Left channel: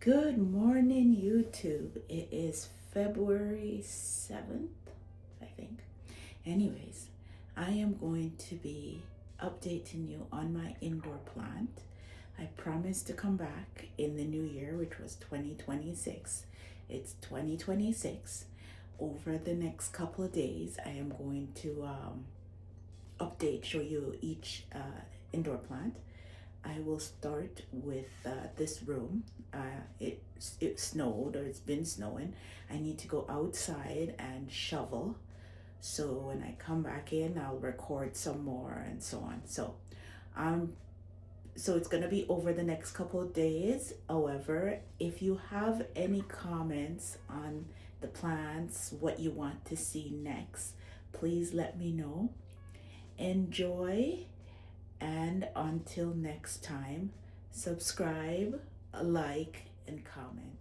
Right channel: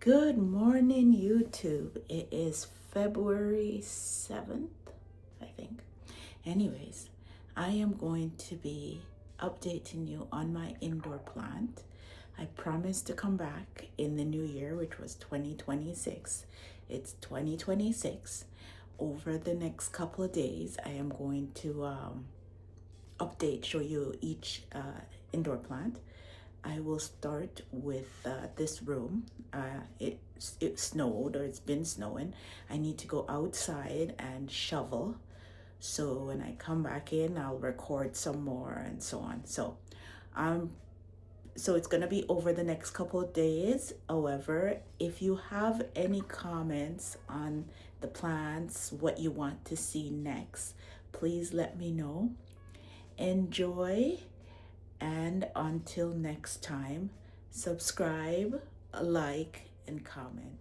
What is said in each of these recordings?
Good morning, YouTube. It is February 7th, I think. Anyways, I am going to be updating you on my indoor plant. I promised to come back in the new year, which was 2026. It's 2026. Over the next couple of days, I am going to show you each indoor plant. I will start with this room. It snowed, or it's been snowing. I need to go outside and shovel. So when I come back in, I'll record some more and so on. So it's gonna be over the next couple of days. However, if you have any comments on the plants, what you want to see next, please let me know. Enjoy. And until next time, subscribe, like, and comment.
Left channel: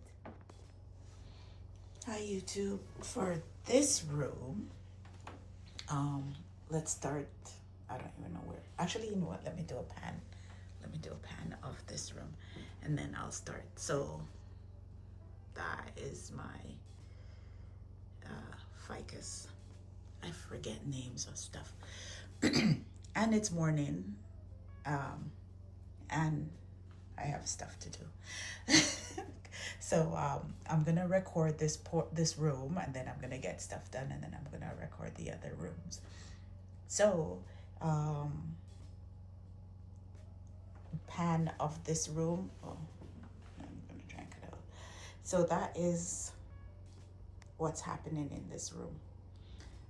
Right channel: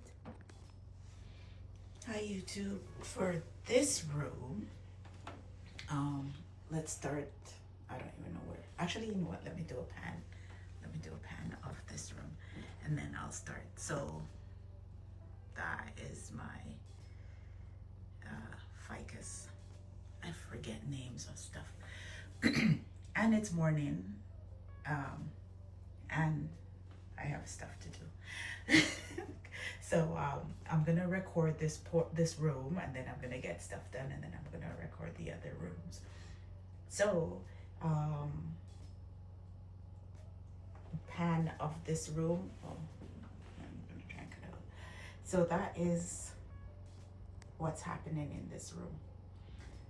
Hi YouTube. For this room, let's start. I don't even know where. Actually, you know what? Let me do a pan. Let me do a pan of this room, and then I'll start. So that is my ficus. I forget names of stuff. And it's morning. And I have stuff to do. So I'm gonna record this room, and then I'm gonna get stuff done, and then I'm gonna record the other rooms. So pan of this room. Oh, I'm gonna try and cut out. So that is what's happening in this room.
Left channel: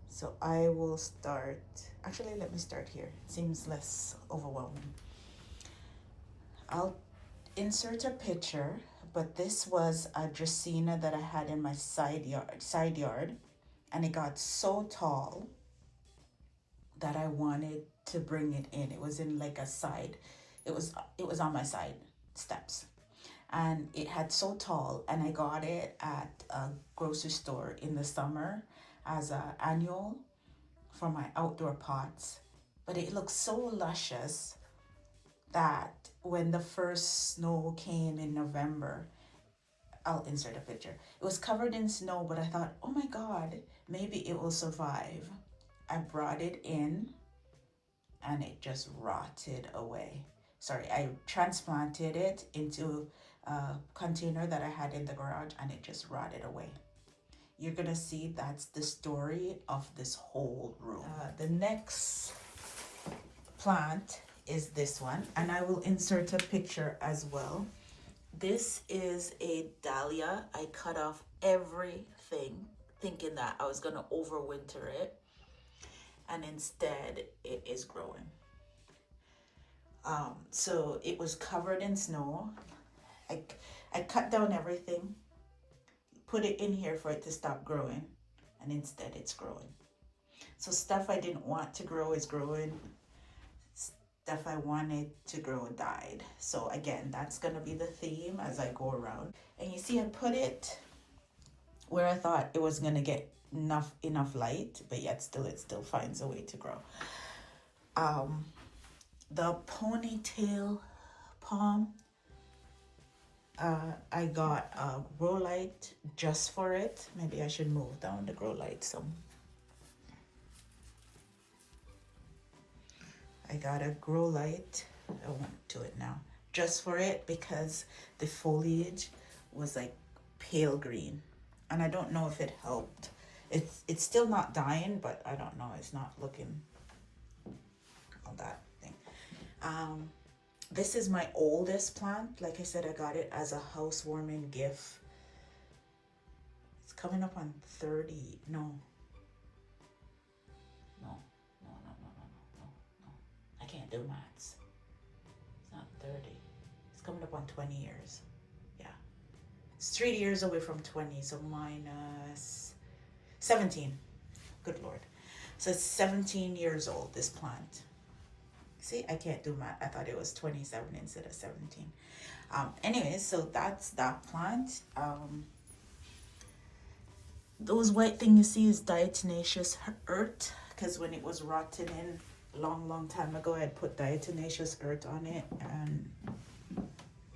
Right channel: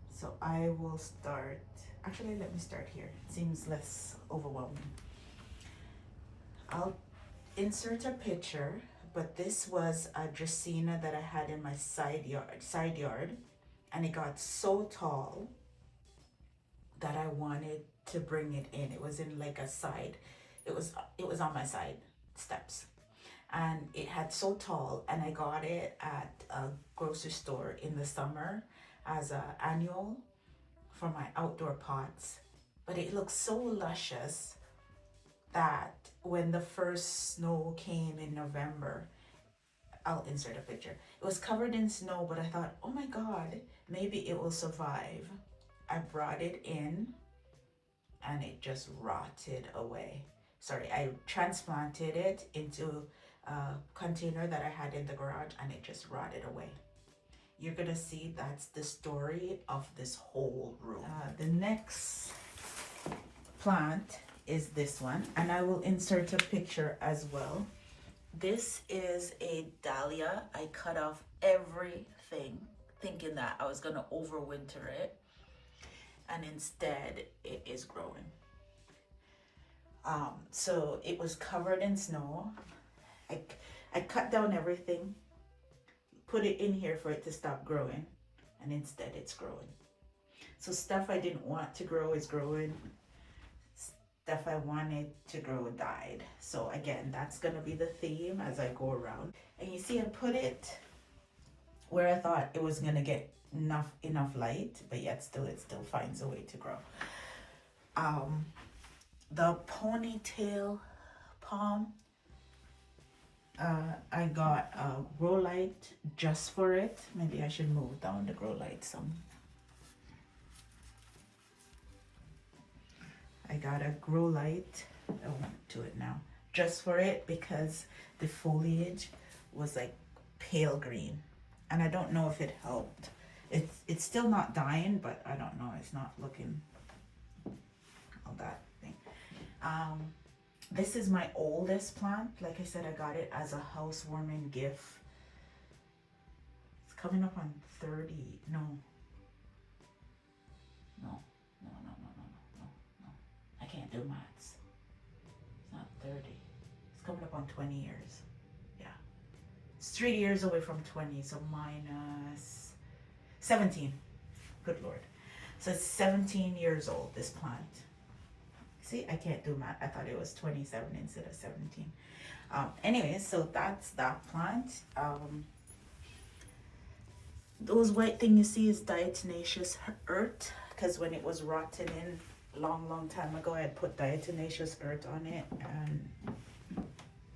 So I will start. Actually, let me start here. It seems less overwhelming. I'll insert a picture, but this was a Dracaena that I had in my side yard, and it got so tall that I wanted to bring it in. It was in like a side. It was on my side steps, and it had so tall, and I got it at a grocery store in the summer as an annual for my outdoor pots. But it looked so luscious that when the first snow came in November, I'll insert a picture. It was covered in snow, but I thought, oh my God, maybe it will survive. I brought it in and it just rotted away. Sorry, I transplanted it into a container that I had in the garage, and it just rotted away. You're gonna see that's the story of this whole room. The next plant is this one, and I will insert a picture as well. This is a dahlia. I cut off everything thinking that I was gonna overwinter it, and instead it is growing. So it was covered in snow. I cut down everything, put it in here for it to stop growing, and instead it's growing. So stuff I didn't want to grow is growing. Stuff I wanted to grow died. So again, that's gonna be the theme as I go around. And you see, I put it where I thought it was gonna get enough light, but yet it still finds a way to grow. The ponytail palm, I got a grow light just for it. Maybe I should move down the grow light some. I got a grow light, I went to it now, just for it, because the foliage was like pale green, and I don't know if it helped. It's still not dying, but I don't know, it's not looking all that thing. This is my oldest plant. Like I said, I got it as a housewarming gift. It's coming up on 30. No. I can't do maths. It's not 30. It's coming up on 20 years. Yeah. It's 3 years away from 20, so minus 17. Good Lord. So it's 17 years old, this plant. See, I can't do math. I thought it was 27 instead of 17. Anyway, so that's that plant. Those white thing you see is diatomaceous earth, because when it was rotting in long time ago, I put diatomaceous earth on it, and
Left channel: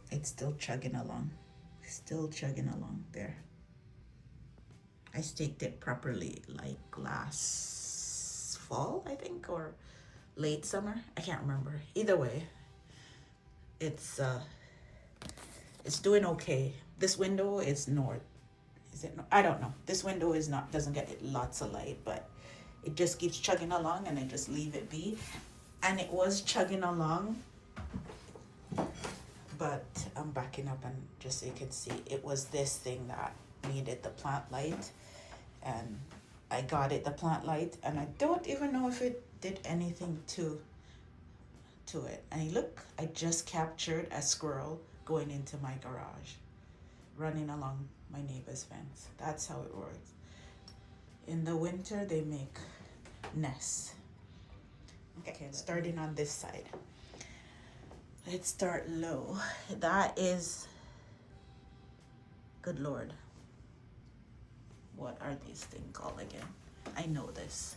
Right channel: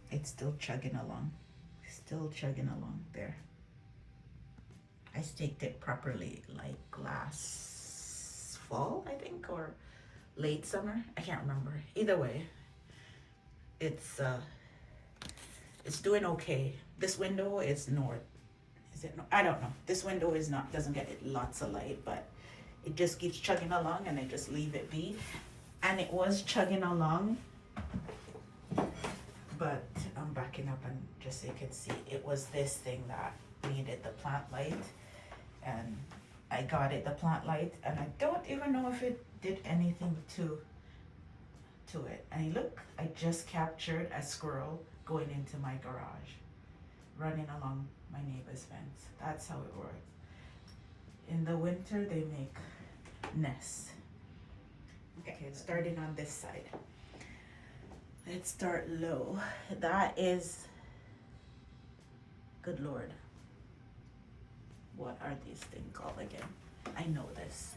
it's still chugging along. Still chugging along there. I staked it properly like last fall, I think, or late summer. I can't remember. Either way, it's doing okay. This window is north. Is it? No, I don't know. This window is not, doesn't get it lots of light, but it just keeps chugging along, and I just leave it be. And it was chugging along, but I'm backing up, and just so you can see, it was this thing that needed the plant light, and I got it the plant light, and I don't even know if it did anything to it. And look, I just captured a squirrel going into my garage, running along my neighbor's fence. That's how it works. In the winter, they make nests. Okay, starting on this side. Let's start low. That is, good Lord, what are these things called again? I know this.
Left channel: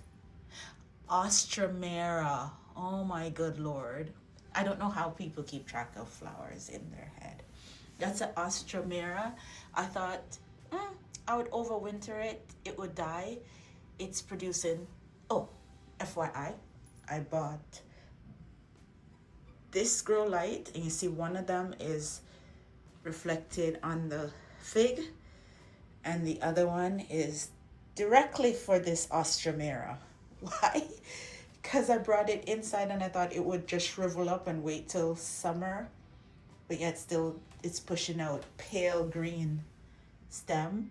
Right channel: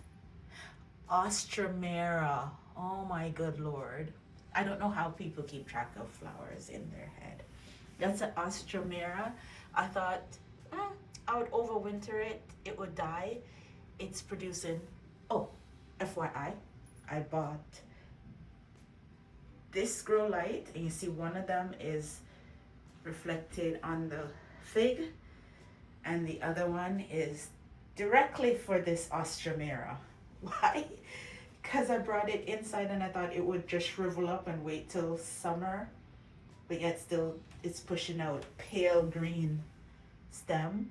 Ostromera. Oh my good Lord. I don't know how people keep track of flowers in their head. That's an Ostromera. I thought, I would overwinter it. It would die. It's producing, oh, FYI, I bought this grow light, and you see one of them is reflected on the fig, and the other one is directly for this Ostromera. Why? Because I brought it inside and I thought it would just shrivel up and wait till summer, but yet still it's pushing out pale green stem.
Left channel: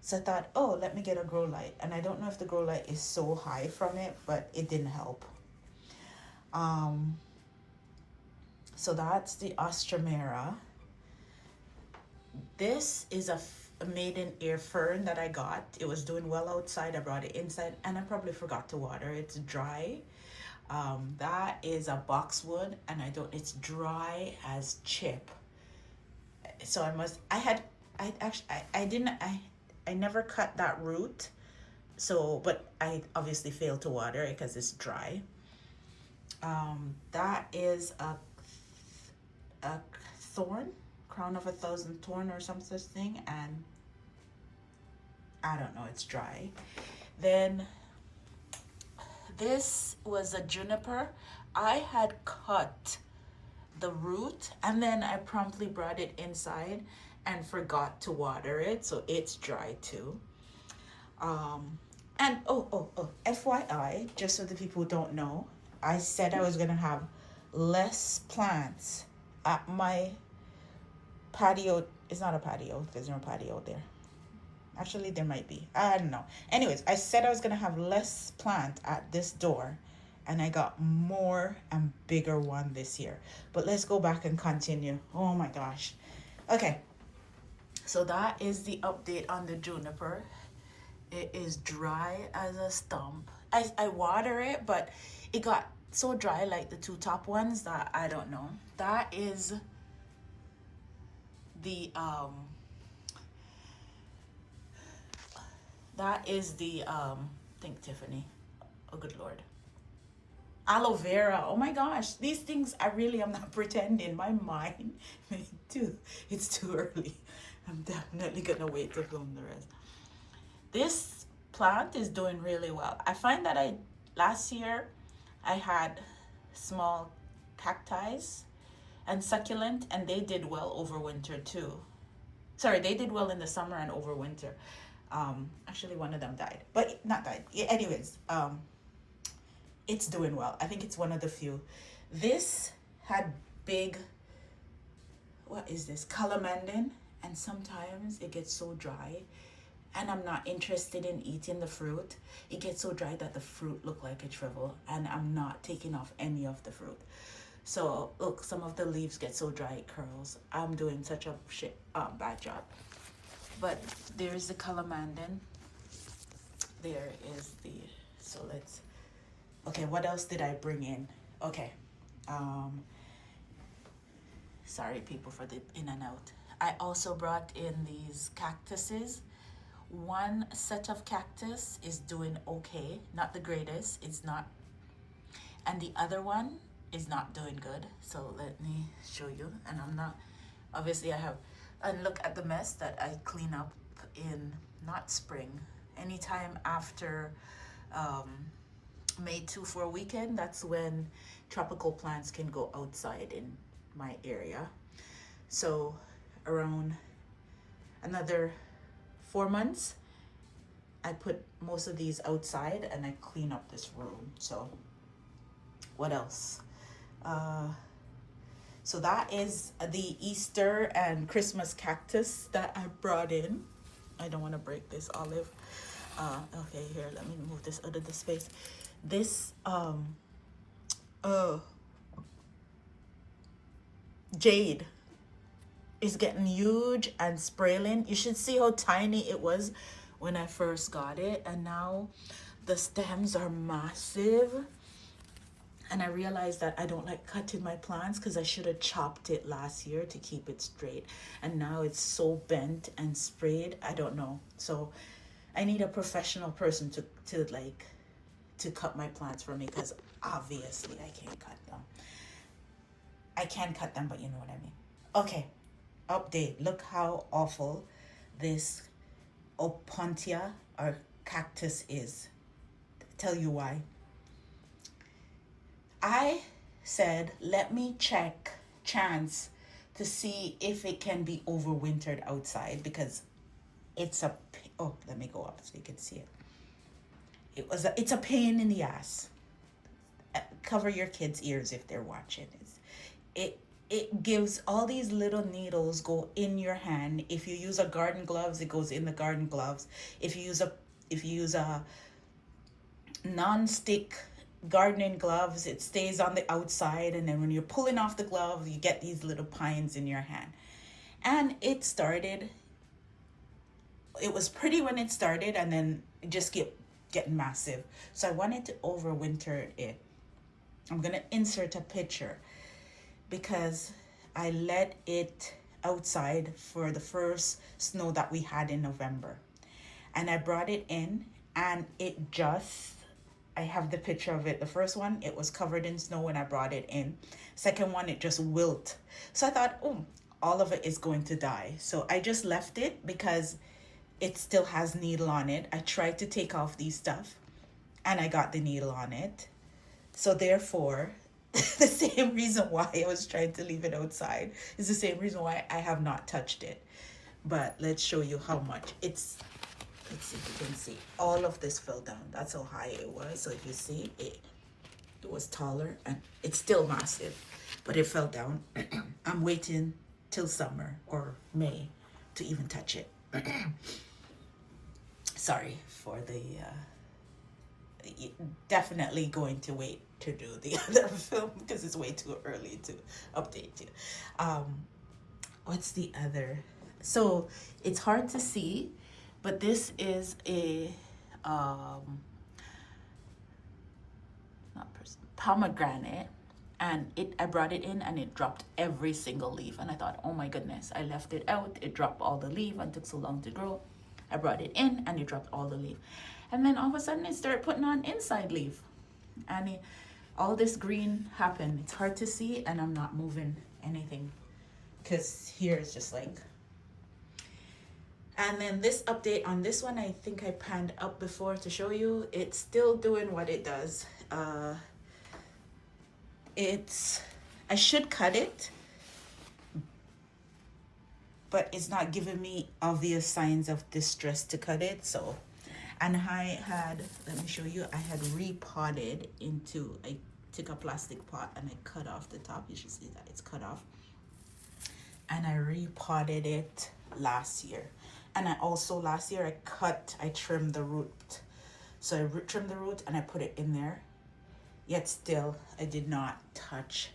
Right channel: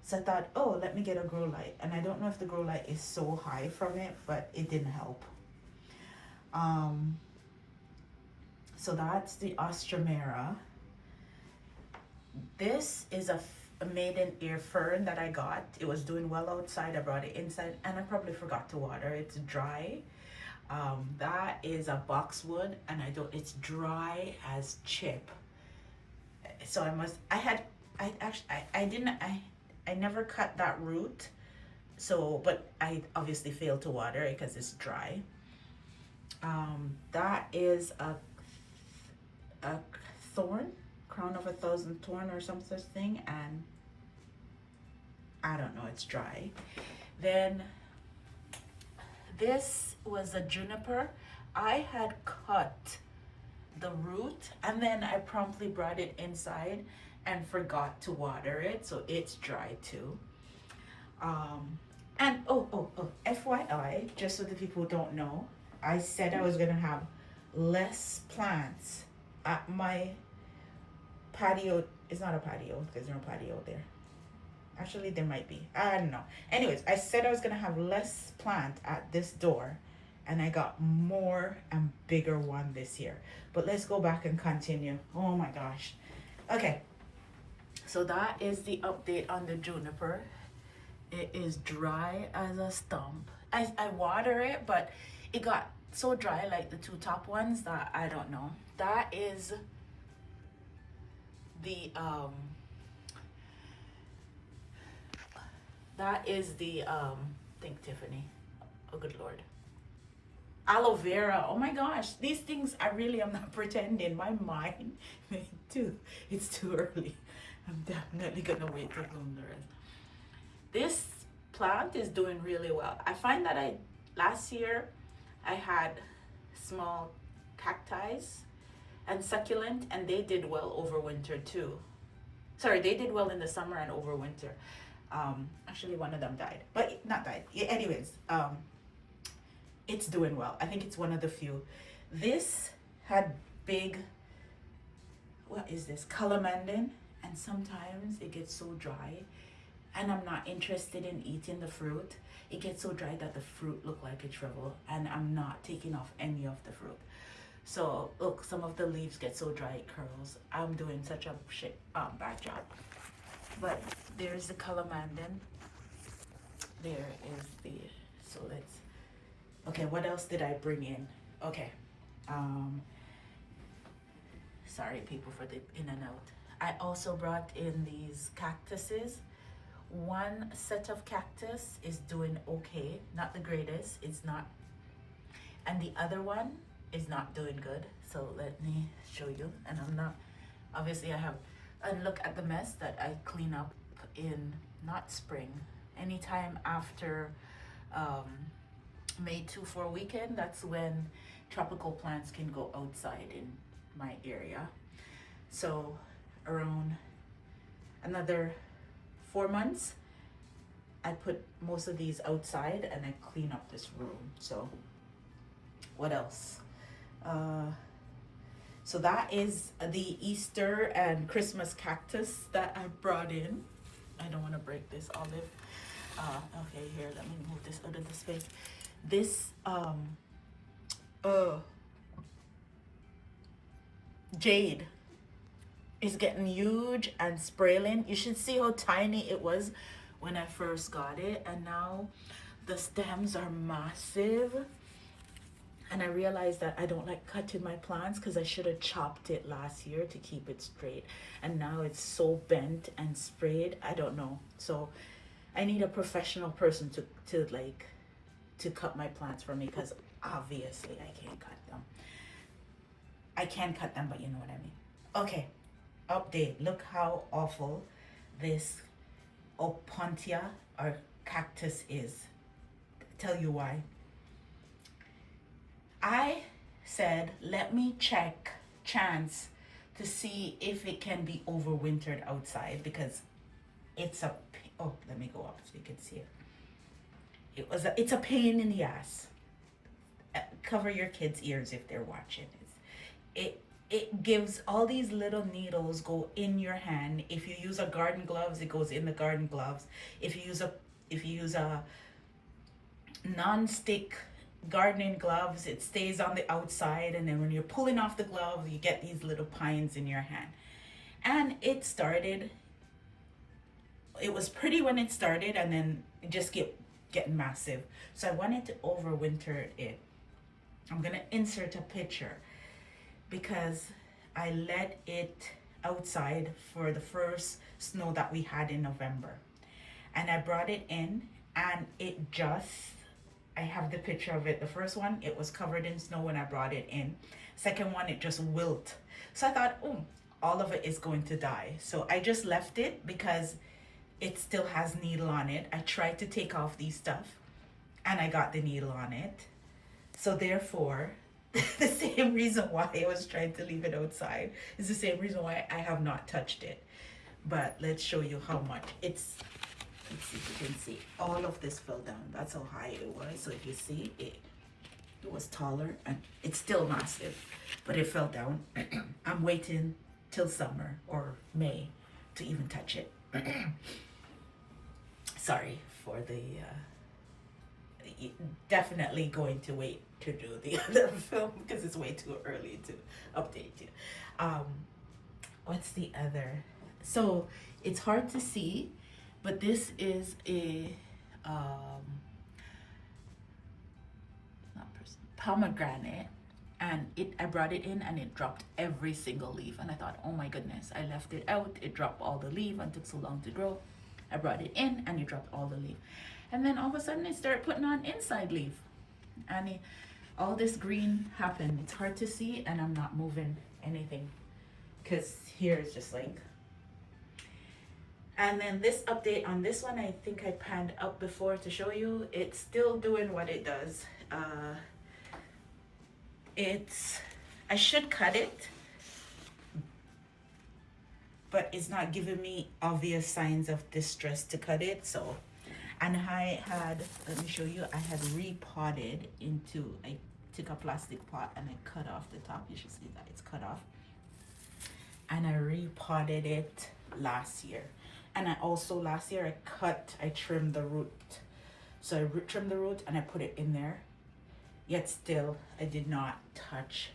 So I thought, oh, let me get a grow light. And I don't know if the grow light is so high from it, but it didn't help. So that's the Ostromera. This is a maiden ear fern that I got. It was doing well outside. I brought it inside, and I probably forgot to water. It's dry. That is a boxwood, and it's dry as chip. So I never cut that root. So, but I obviously failed to water it because it's dry. That is a thorn, crown of 1,000 thorn or some such thing, and I don't know, it's dry. Then this was a juniper. I had cut the root, and then I promptly brought it inside and forgot to water it, so it's dry too. And FYI, just so the people who don't know, I said I was gonna have less plants at my patio. It's not a patio, there's no patio there. Actually, there might be, I don't know. Anyways, I said I was gonna have less plant at this door, and I got more and bigger one this year. But let's go back and continue. Oh my gosh. Okay, so that is the update on the juniper. It is dry as a stump. I water it, but it got so dry, like the two top ones, that I don't know. That is the think Tiffany. Oh good Lord. Aloe vera. Oh my gosh, these things I really am not pretending. My mind, it's too early. I'm definitely gonna wait to film the rest. This plant is doing really well. I find that last year I had small cacti and succulent, and they did well over winter too. Sorry, they did well in the summer and over winter. Actually one of them died, but not died. Yeah, anyways, it's doing well. I think it's one of the few. This had big, what is this, calamandin, and sometimes it gets so dry and I'm not interested in eating the fruit. It gets so dry that the fruit look like a shrivel, and I'm not taking off any of the fruit. So look, some of the leaves get so dry it curls. I'm doing such a bad job. But there's the calamandin. There is the, so let's, okay, what else did I bring in? Okay, sorry people for the in and out. I also brought in these cactuses. One set of cactus is doing okay, not the greatest, it's not, and the other one is not doing good. So let me show you. And I'm not, obviously I have and look at the mess that I clean up in not spring, anytime after May 2 for a weekend. That's when tropical plants can go outside in my area. So around another 4 months, I put most of these outside and I clean up this room. So what else? So that is the Easter and Christmas cactus that I brought in. I don't want to break this olive. Okay, here, let me move this out of the space. This jade is getting huge and sprawling. You should see how tiny it was when I first got it, and now the stems are massive. And I realized that I don't like cutting my plants because I should have chopped it last year to keep it straight. And now it's so bent and sprayed. I don't know. So I need a professional person to cut my plants for me, because obviously I can't cut them. I can cut them, but you know what I mean. Okay, update. Look how awful this opuntia or cactus is. Tell you why. I said, let me check chance to see if it can be overwintered outside, because it's a, oh, let me go up so you can see it. It's a pain in the ass. Cover your kids' ears if they're watching this. It gives all these little needles go in your hand. If you use a garden gloves, it goes in the garden gloves. If you use a non-stick gardening gloves, it stays on the outside, and then when you're pulling off the glove, you get these little pines in your hand. And it was pretty when it started, and then it just kept getting massive. So I wanted to overwinter it. I'm gonna insert a picture because I let it outside for the first snow that we had in November, and I brought it in, and I have the picture of it. The first one, it was covered in snow when I brought it in. Second one, it just wilt. So I thought, oh, all of it is going to die. So I just left it because it still has needle on it. I tried to take off these stuff and I got the needle on it. So therefore, the same reason why I was trying to leave it outside is the same reason why I have not touched it. But let's show you how much it's. Let's see if you can see. All of this fell down. That's how high it was. So if you see, it was taller, and it's still massive, but it fell down. I'm waiting till summer or May to even touch it. Sorry for the, definitely going to wait to do the other film because it's way too early to update you. What's the other? So it's hard to see, but this is a pomegranate, and I brought it in and it dropped every single leaf, and I thought, oh my goodness, I left it out, it dropped all the leaf and took so long to grow. I brought it in and it dropped all the leaf, and then all of a sudden it started putting on inside leaf, and all this green happened. It's hard to see, and I'm not moving anything because here is just like. And then this update on this one, I think I panned up before to show you. It's still doing what it does. I should cut it, but it's not giving me obvious signs of distress to cut it. So, and let me show you, I had repotted into, I took a plastic pot and I cut off the top. You should see that it's cut off. And I repotted it last year. And last year I trimmed the root. So I trimmed the root and I put it in there. Yet still, I did not touch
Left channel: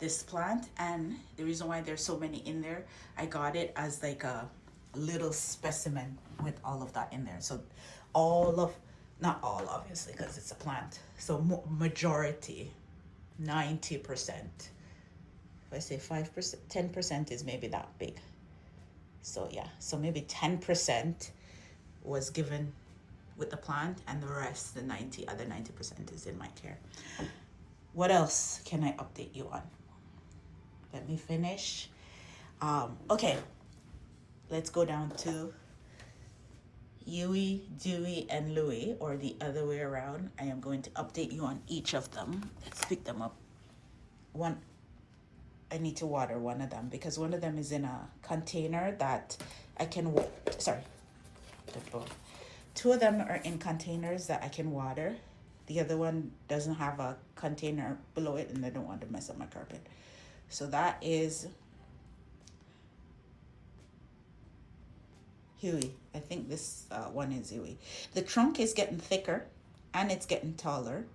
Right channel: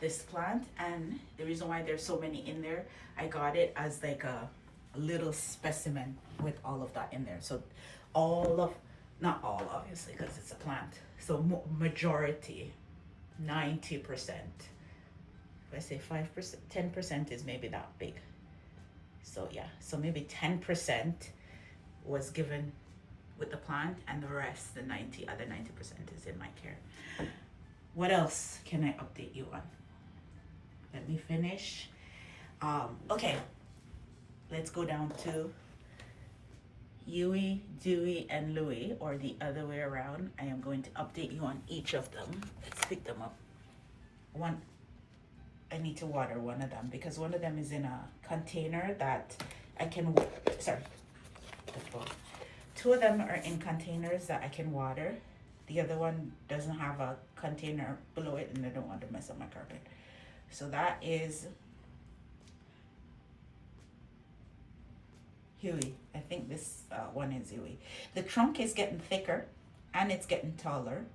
this plant. And the reason why there's so many in there, I got it as like a little specimen with all of that in there. So not all obviously because it's a plant. So majority, 90%. If I say 5%, 10% is maybe that big. So yeah, so maybe 10% was given with the plant, and the rest, the other 90% is in my care. What else can I update you on? Let me finish. Okay, let's go down to Huey, Dewey, and Louie, or the other way around. I am going to update you on each of them. Let's pick them up. One, I need to water one of them because one of them is in a container that I can, sorry, two of them are in containers that I can water. The other one doesn't have a container below it and I don't want to mess up my carpet. So that is Huey. I think this one is Huey. The trunk is getting thicker and it's getting taller.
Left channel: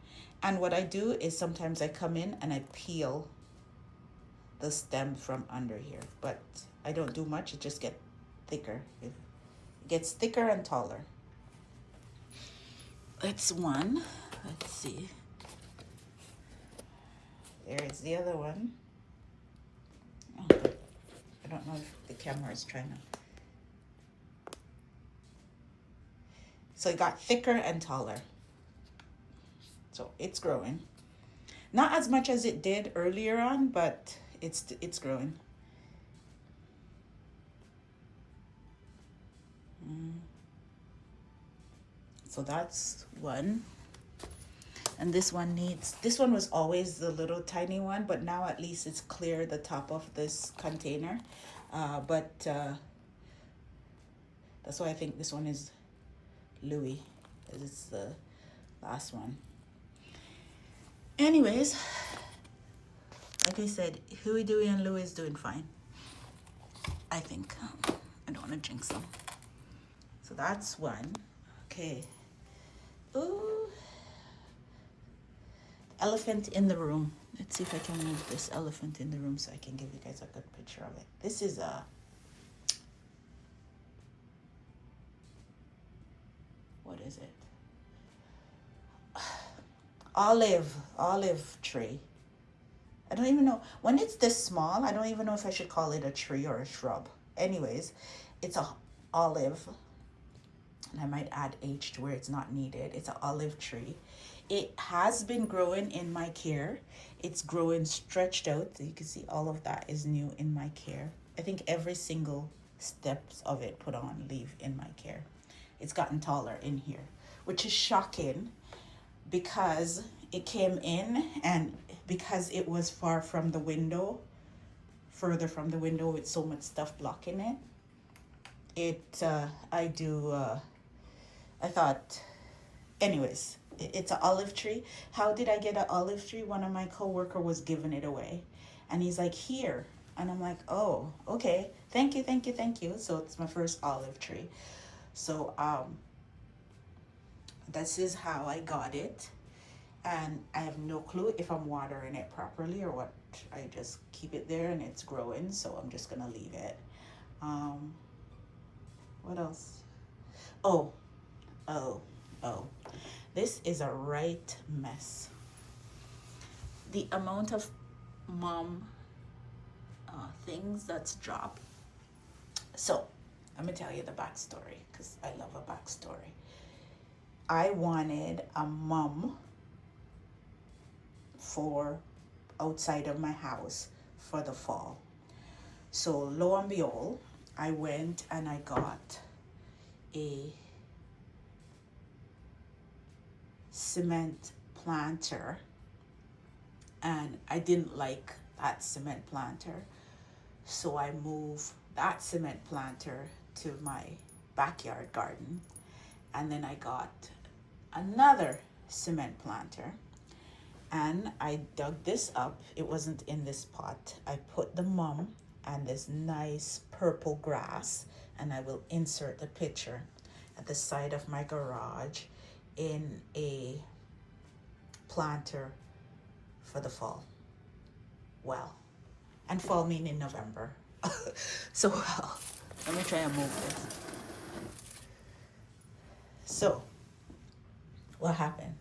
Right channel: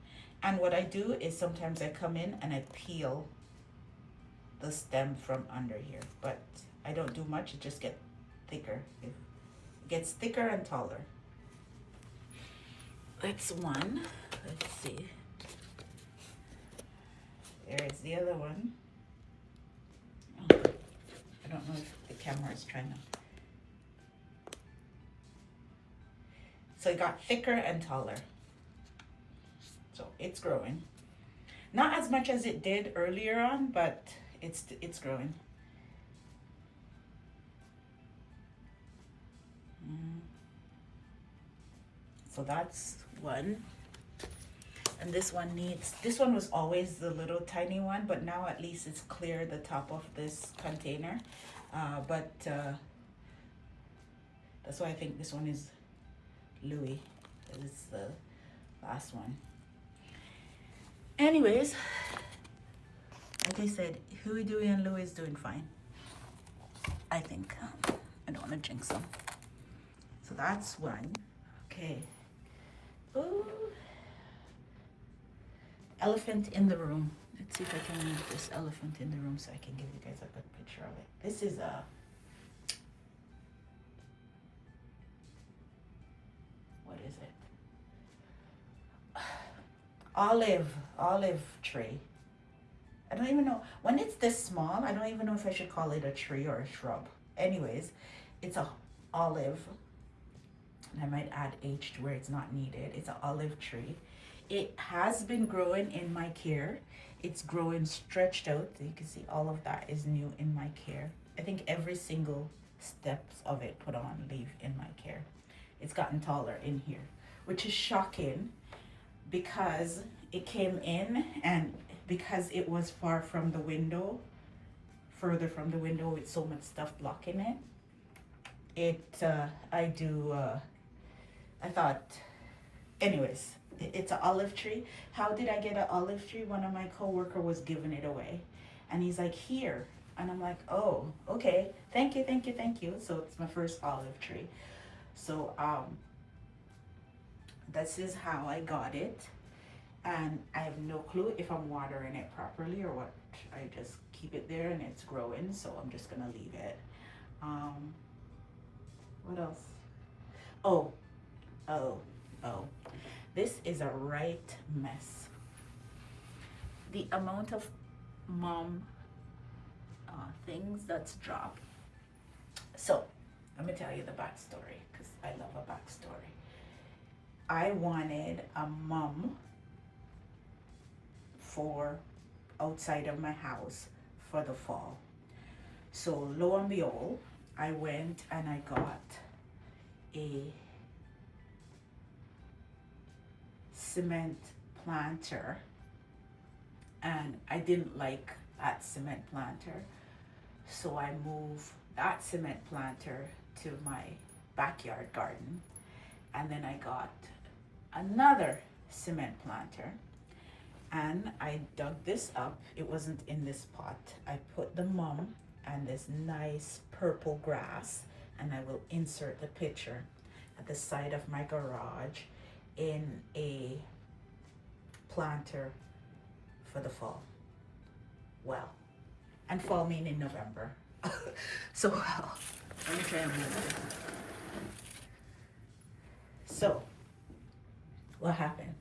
And what I do is sometimes I come in and I peel the stem from under here. But I don't do much, it just gets thicker. It gets thicker and taller. That's one. Let's see. There's the other one. Oh, I don't know if the camera is trying to. So it got thicker and taller. So it's growing. Not as much as it did earlier on, but it's growing. So that's one. And this one was always the little tiny one, but now at least it's clear the top of this container. That's why I think this one is Louis. It's the last one. Anyways, like I said, Huey, Dewey, and Louie is doing fine. I think. I don't want to jinx them. So that's one. Okay. Ooh. Elephant in the room. Let's see if I can move this elephant in the room so I can give you guys a good picture of it. This is a... what is it? Olive tree. I don't even know. When it's this small, I don't even know if I should call it a tree or a shrub. Anyways, it's a olive. And I might add H to where it's not needed. It's an olive tree. It has been growing in my care. It's growing stretched out. You can see all of that is new in my care. I think every single steps of it put on leaf in my care. It's gotten taller in here, which is shocking because it came in and because it was far from the window, further from the window with so much stuff blocking it. I thought, anyways, it's an olive tree. How did I get an olive tree? One of my coworker was giving it away and he's like, here. And I'm like, oh, okay. Thank you, thank you, thank you. So it's my first olive tree. So this is how I got it. And I have no clue if I'm watering it properly or what. I just keep it there and it's growing. So I'm just gonna leave it. What else? Oh. This is a right mess. The amount of mom things that's dropped. So let me tell you the backstory because I love a backstory. I wanted a mum for outside of my house for the fall. So lo and behold, I went and I got a cement planter and I didn't like that cement planter, so I moved that cement planter to my backyard garden, and then I got another cement planter and I dug this up. It wasn't in this pot. I put the mum and this nice purple grass, and I will insert the picture at the side of my garage in a planter for the fall. Well, and fall meaning November. So well, let me try and move this. So what happened?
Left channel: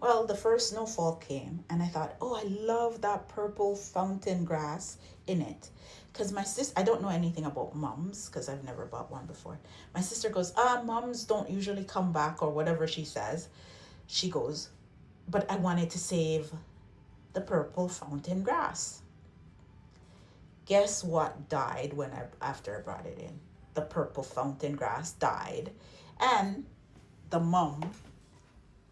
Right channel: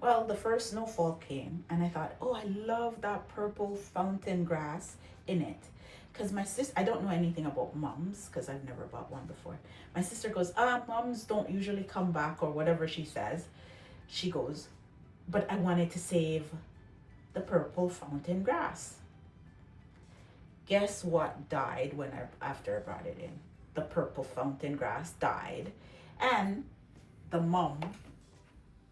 Well, the first snowfall came and I thought, oh, I love that purple fountain grass in it. Because my sister, I don't know anything about mums because I've never bought one before. My sister goes, mums don't usually come back or whatever she says. She goes, but I wanted to save the purple fountain grass. Guess what died after I brought it in? the purple fountain grass died, and the mum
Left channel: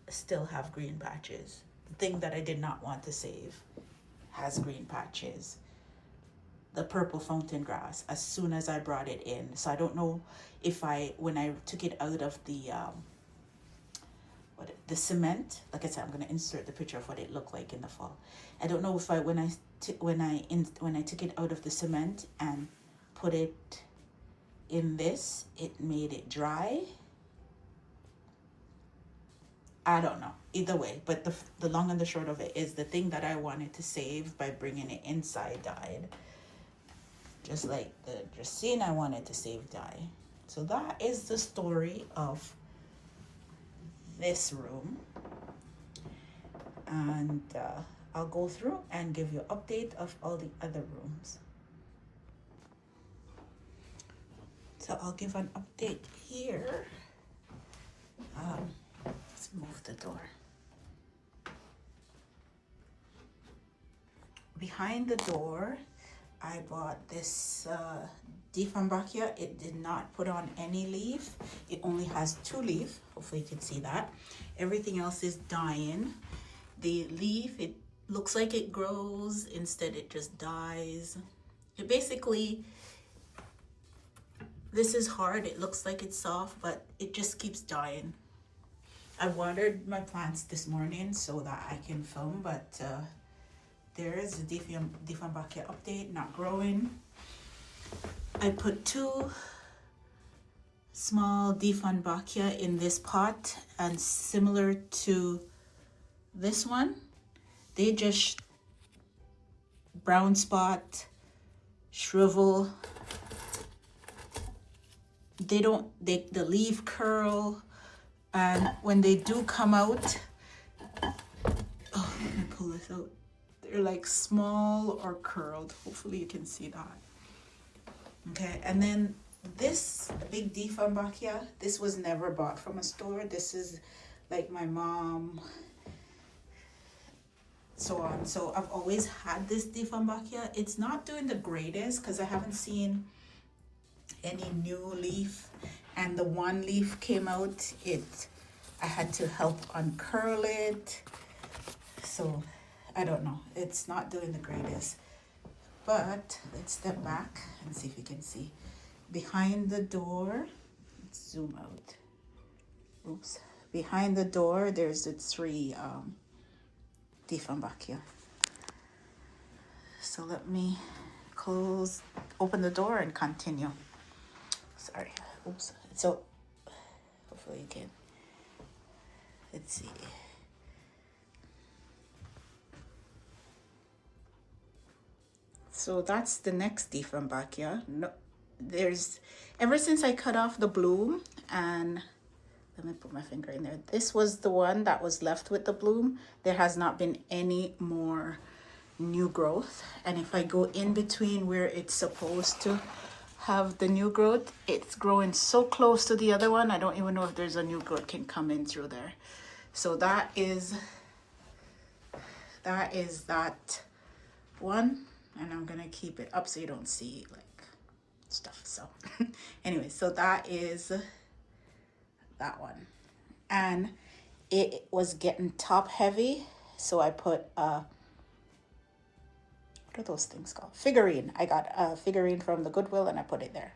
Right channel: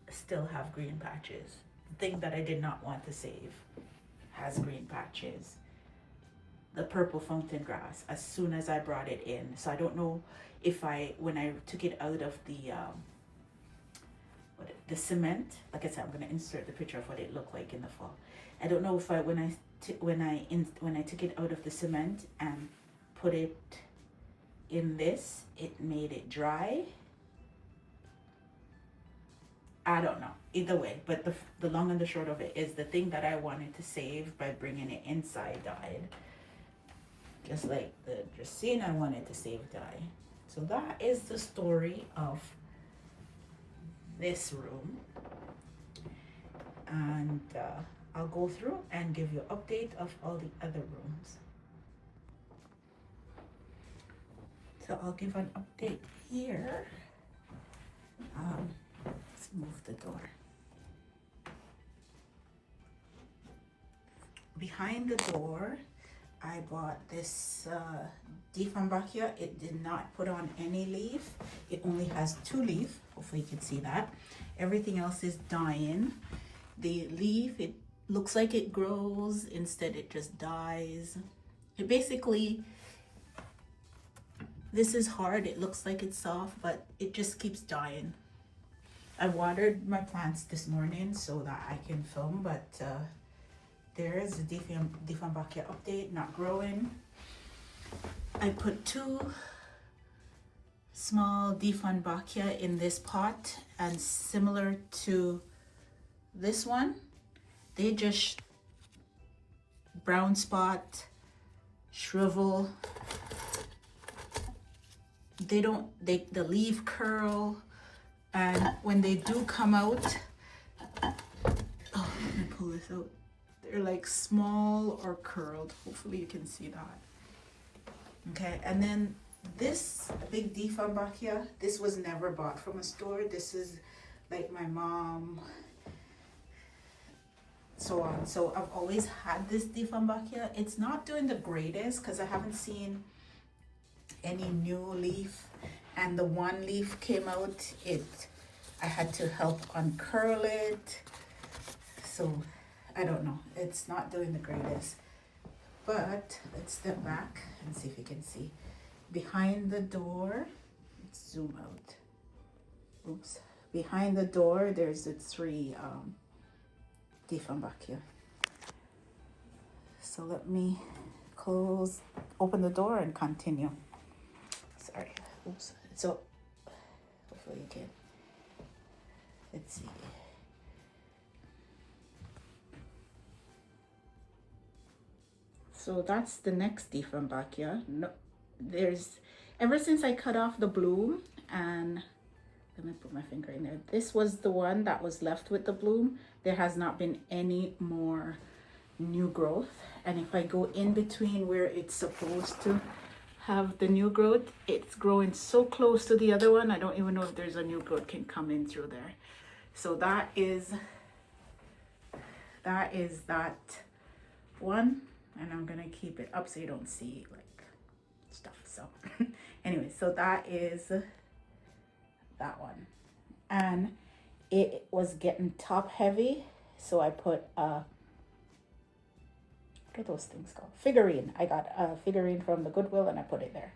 still have green patches. The thing that I did not want to save has green patches. The purple fountain grass, as soon as I brought it in. So I don't know if when I took it out of the cement, like I said, I'm gonna insert the picture of what it looked like in the fall. I don't know if when I took it out of the cement and put it in this, it made it dry. I don't know. Either way, but the long and the short of it is the thing that I wanted to save by bringing it inside died. Just like the Dracaena I wanted to save died. So that is the story of this room. And I'll go through and give you an update of all the other rooms. So I'll give an update here. Let's move the door. Behind the door, I bought this Dieffenbachia. It did not put on any leaf. It only has 2 leaves. Hopefully you can see that. Everything else is dying. The leaf, it looks like it grows. Instead, it just dies. It basically, this is hard. It looks like it's soft, but it just keeps dying. I watered my plants this morning so that I can film, but there is the Dieffenbachia update, not growing. I put 2 small Dieffenbachia in this pot, and similar to this one, they just brown spot, shrivel. The leaf curl, and when they do come out, oh, let me pull this out. They're like small or curled. Hopefully you can see that. Okay, and then this big Dieffenbachia, this was never bought from a store. This is like my mom, so on. So I've always had this Dieffenbachia. It's not doing the greatest because I haven't seen any new leaf, and the one leaf came out. I had to help uncurl it. So I don't know, it's not doing the greatest. But let's step back and see if you can see. Behind the door, let's zoom out. Oops. Behind the door, there's the 3 Dieffenbachia. So let me open the door and continue. Sorry, oops. So hopefully you can, let's see. So that's the next Dieffenbachia. No, ever since I cut off the bloom, and let me put my finger in there. This was the one that was left with the bloom. There has not been any more new growth. And if I go in between where it's supposed to have the new growth, it's growing so close to the other one. I don't even know if there's a new growth can come in through there. So that is that one. And I'm gonna keep it up so you don't see like stuff. So anyway, so that is that one. And it was getting top heavy, so I put what are those things called? Figurine. I got a figurine from the Goodwill and I put it there.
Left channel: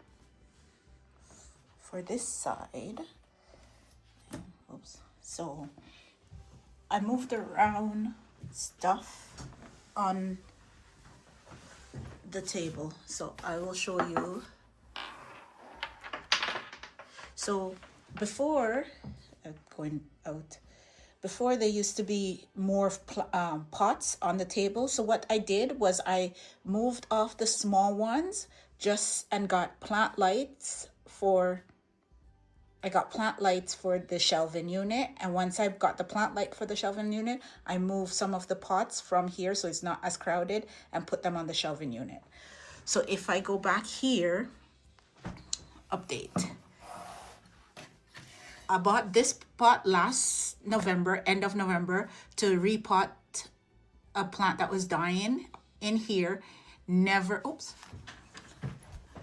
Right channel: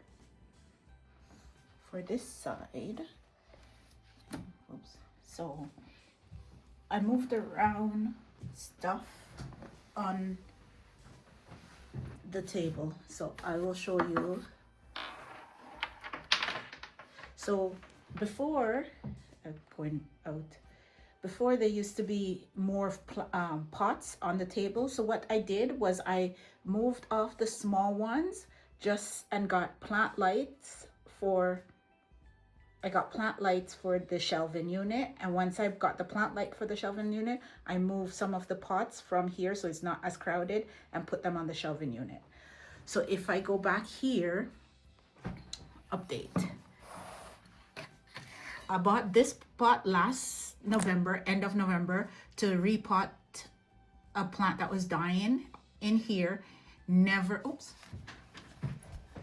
For this side, oops. So I moved around stuff on the table, so I will show you. So before going out, before there used to be more pots on the table. So what I did was I moved off the small ones and got plant lights for the shelving unit. And once I've got the plant light for the shelving unit, I move some of the pots from here so it's not as crowded and put them on the shelving unit. So if I go back here, update. I bought this pot last November, end of November, to repot a plant that was dying in here.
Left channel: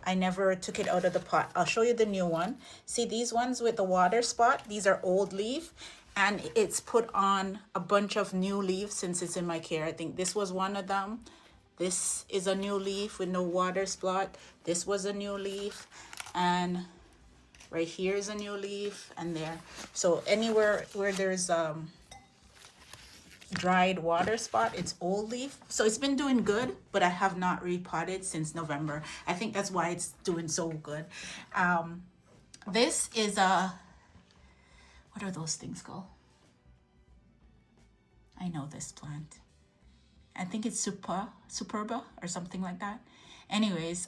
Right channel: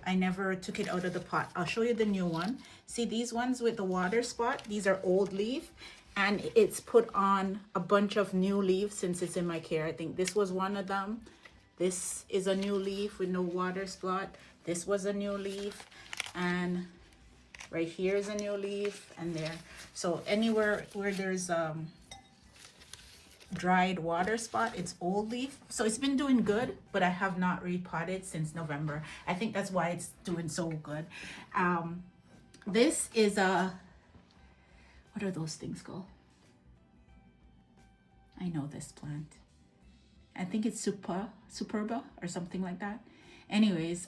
I never took it out of the pot. I'll show you the new one. See these ones with the water spot? These are old leaf, and it's put on a bunch of new leaves since it's in my care. I think this was one of them. This is a new leaf with no water spot. This was a new leaf, and right here is a new leaf, and there. So anywhere where there's dried water spot, it's old leaf. So it's been doing good, but I have not repotted since November. I think that's why it's doing so good. This is a, what are those things called? I know this plant. I think it's superba or something like that. Anyways,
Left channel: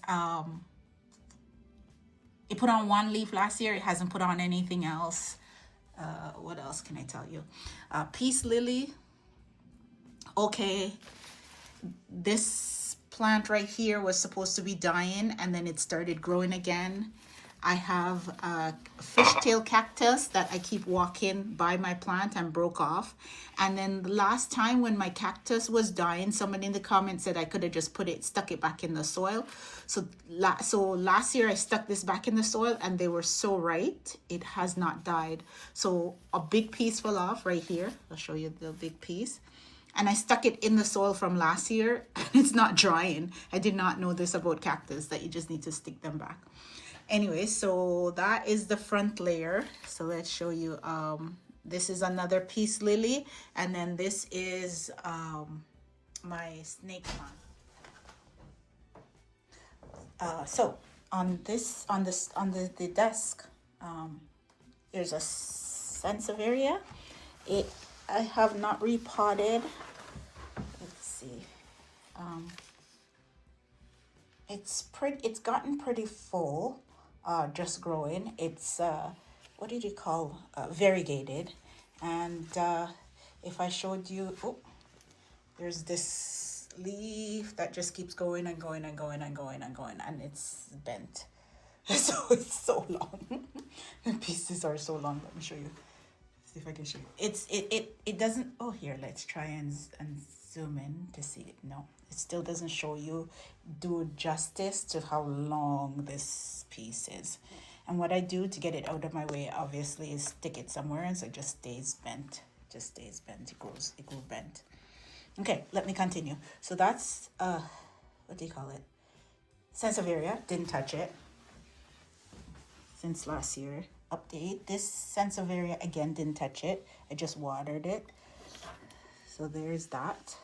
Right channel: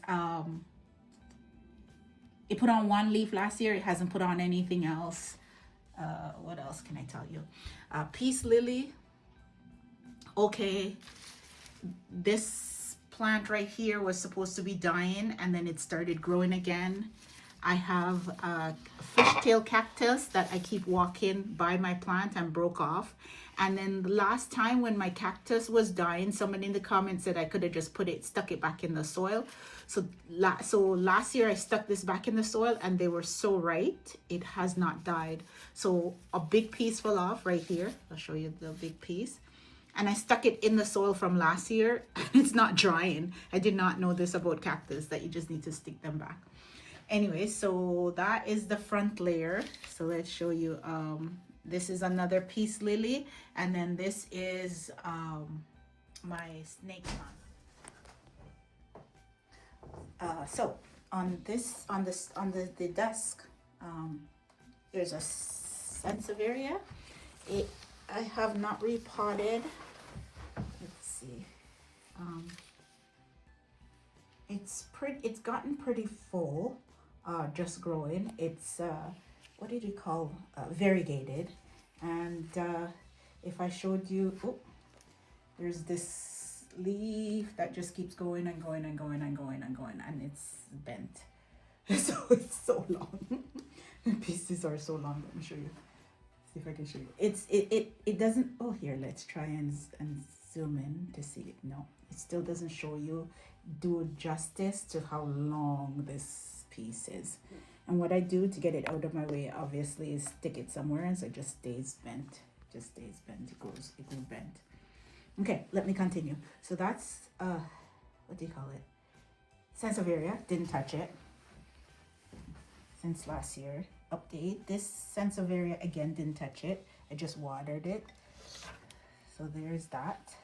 it put on one leaf last year. It hasn't put on anything else. What else can I tell you? Peace lily. Okay, this plant right here was supposed to be dying, and then it started growing again. I have a fishtail cactus that I keep walking by my plant and broke off. And then the last time when my cactus was dying, someone in the comments said I could have just stuck it back in the soil. So last year I stuck this back in the soil, and they were so right. It has not died. So a big piece fell off right here. I'll show you the big piece. And I stuck it in the soil from last year, and it's not drying. I did not know this about cactus, that you just need to stick them back. Anyway, so that is the front layer. So let's show you. This is another peace lily, and then this is my snake plant. So on the desk, there's a sansevieria. I have not repotted. Let's see. It's gotten pretty full. Just growing. It's what did you call variegated? And if I showed you, oh, there's this leaf that just keeps going and going and going and going and going, and it's bent. So it's so long. The pieces are so long. Let me show you. See if I can show you. It doesn't. Oh, here, let's try and zoom in to see it. No, it still doesn't show you do justice to how long this piece is. And what I do to get it out of my way, obviously, is stick it somewhere, and so it just stays bent. Just stays bent. It goes bent. Okay, let me continue. So that's what do you call it? Sansevieria. Didn't touch it since last year. Update. This Sansevieria, again, didn't touch it. I just watered it. So there's that.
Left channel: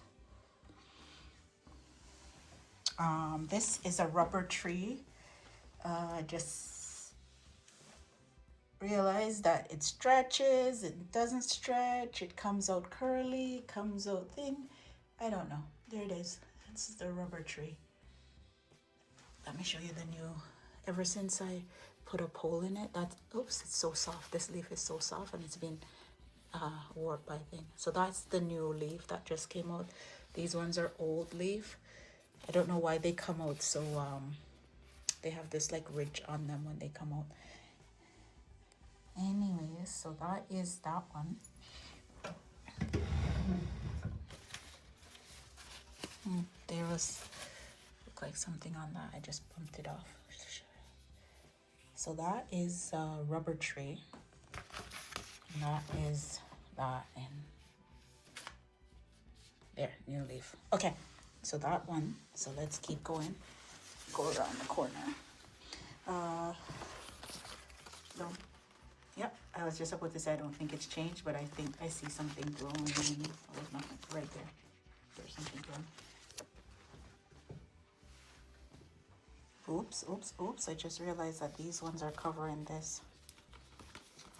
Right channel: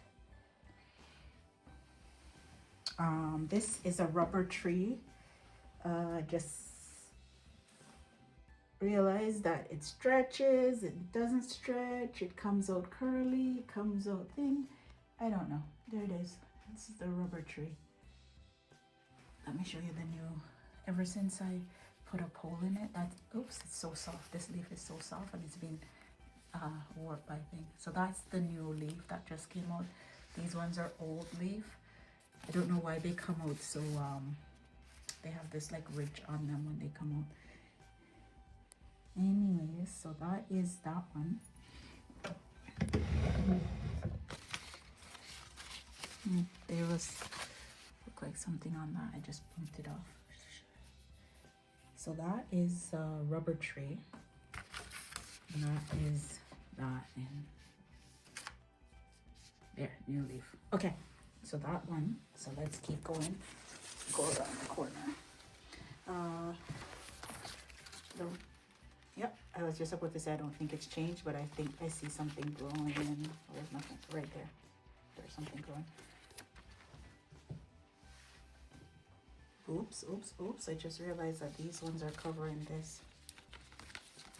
This is a rubber tree. Just realized that it stretches, it doesn't stretch, it comes out curly, comes out thin. I don't know. There it is. This is the rubber tree. Let me show you the new. Ever since I put a pole in it, oops, it's so soft. This leaf is so soft, and it's been warped by thing. So that's the new leaf that just came out. These ones are old leaf. I don't know why they come out so they have this like ridge on them when they come out. Anyways, so that is that one. There was look like something on that. I just bumped it off. So that is a rubber tree. And that is that, and there, new leaf. Okay. So that one, so let's keep going, go around the corner. Yep, I was just about to say I don't think it's changed, but I think I see something growing. Oh, there's nothing right there. There's something growing. Oops, oops, oops. I just realized that these ones are covering this.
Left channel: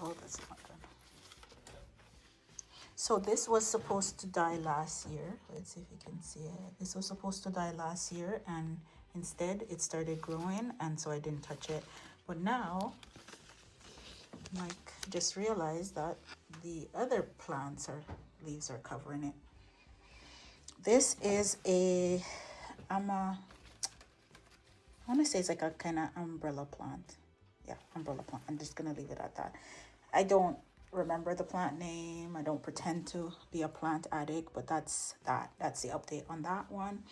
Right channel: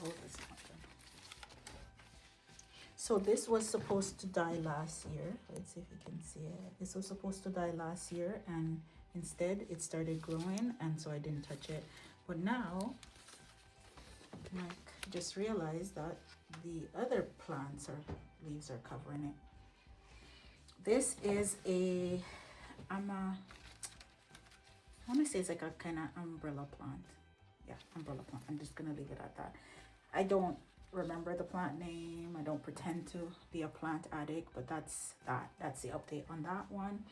Oh, that's not good. So this was supposed to die last year. Let's see if you can see it. This was supposed to die last year, and instead it started growing, and so I didn't touch it. But now, like, just realized that the other plants or leaves are covering it. This is I want to say it's like a kind of umbrella plant. Yeah, umbrella plant. I'm just going to leave it at that. I don't remember the plant name. I don't pretend to be a plant addict, but that's that. That's the update on that one.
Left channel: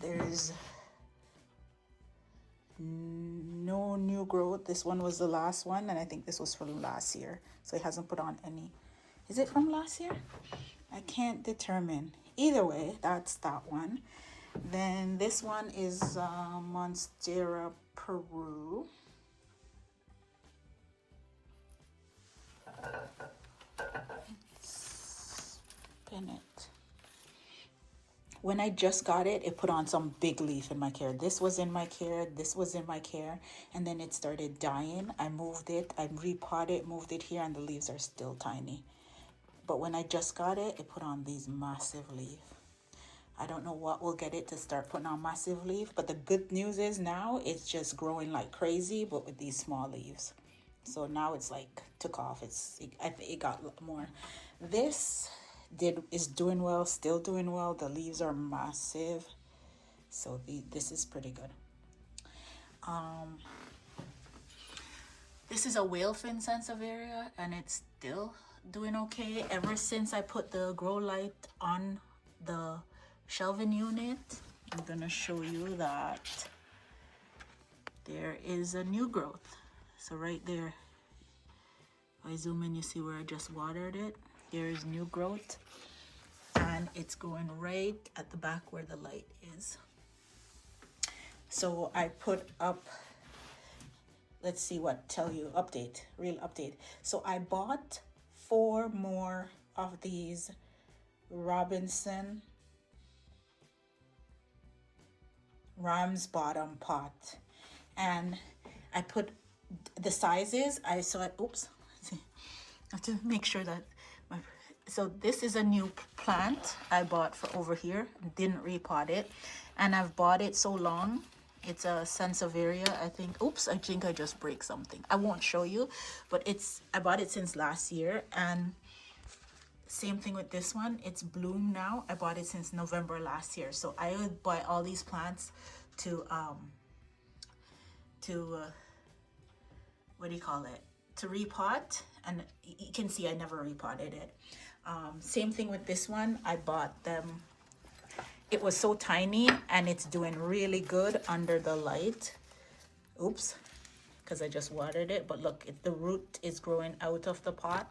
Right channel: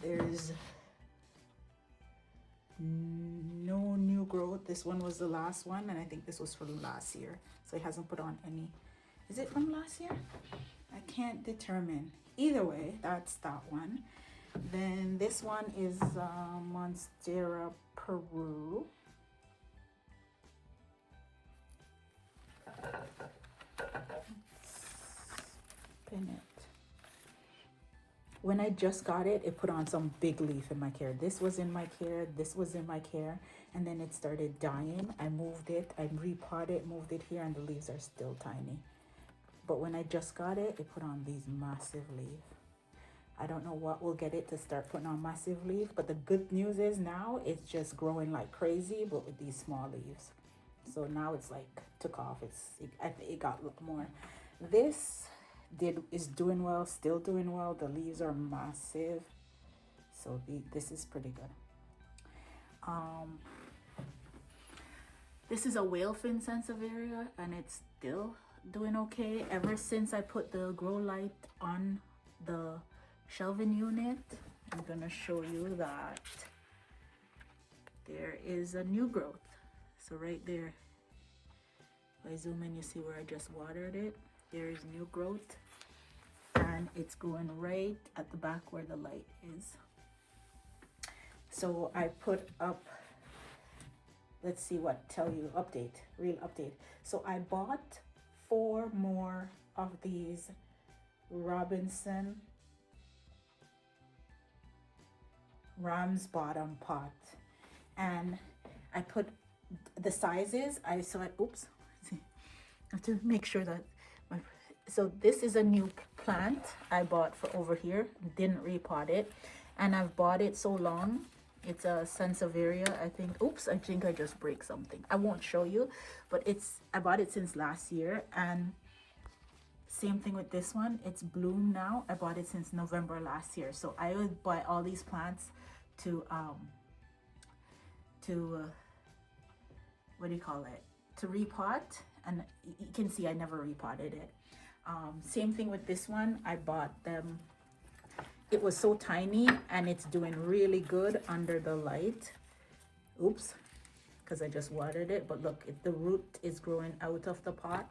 There's no new growth. This one was the last one, and I think this was from last year, so it hasn't put on any. Is it from last year? I can't determine. Either way, that's that one. Then this one is Monstera Peru. Spin it. When I just got it, it put on some big leaf in my care. This was in my care, this was in my care, and then it started dying. I moved it, I repotted it, moved it here, and the leaves are still tiny. But when I just got it, it put on these massive leaves. I don't know what will get it to start putting on massive leaf, but the good news is now it's just growing like crazy, but with these small leaves. So now it's like took off. I think it got more. This is doing well, still doing well. The leaves are massive, so this is pretty good. This is a whale fin sansevieria, and it's still doing okay. Ever since I put the grow light on the shelving unit, I'm gonna show you that there is a new growth. So right there, if I zoom in, you see where I just watered it. There's new growth, and it's going right at the back where the light is. So I put up, let's see what tell you, update, real update. So I bought 4 more of these Robinson ram's bottom pot, and I put the sizes. I have to make sure that so this is a new plant I bought for over here, didn't repot it, and I've bought it so long. It's a sansevieria, I think. I think I just break something. I won't show you, but I bought it since last year, and same thing with this one. It's bloomed now. I bought it since November last year. So I would buy all these plants to what do you call it? To repot, and you can see I never repotted it. Same thing with this one. I bought them. It was so tiny, and it's doing really good under the light. Because I just watered it. But look, the root is growing out of the pot.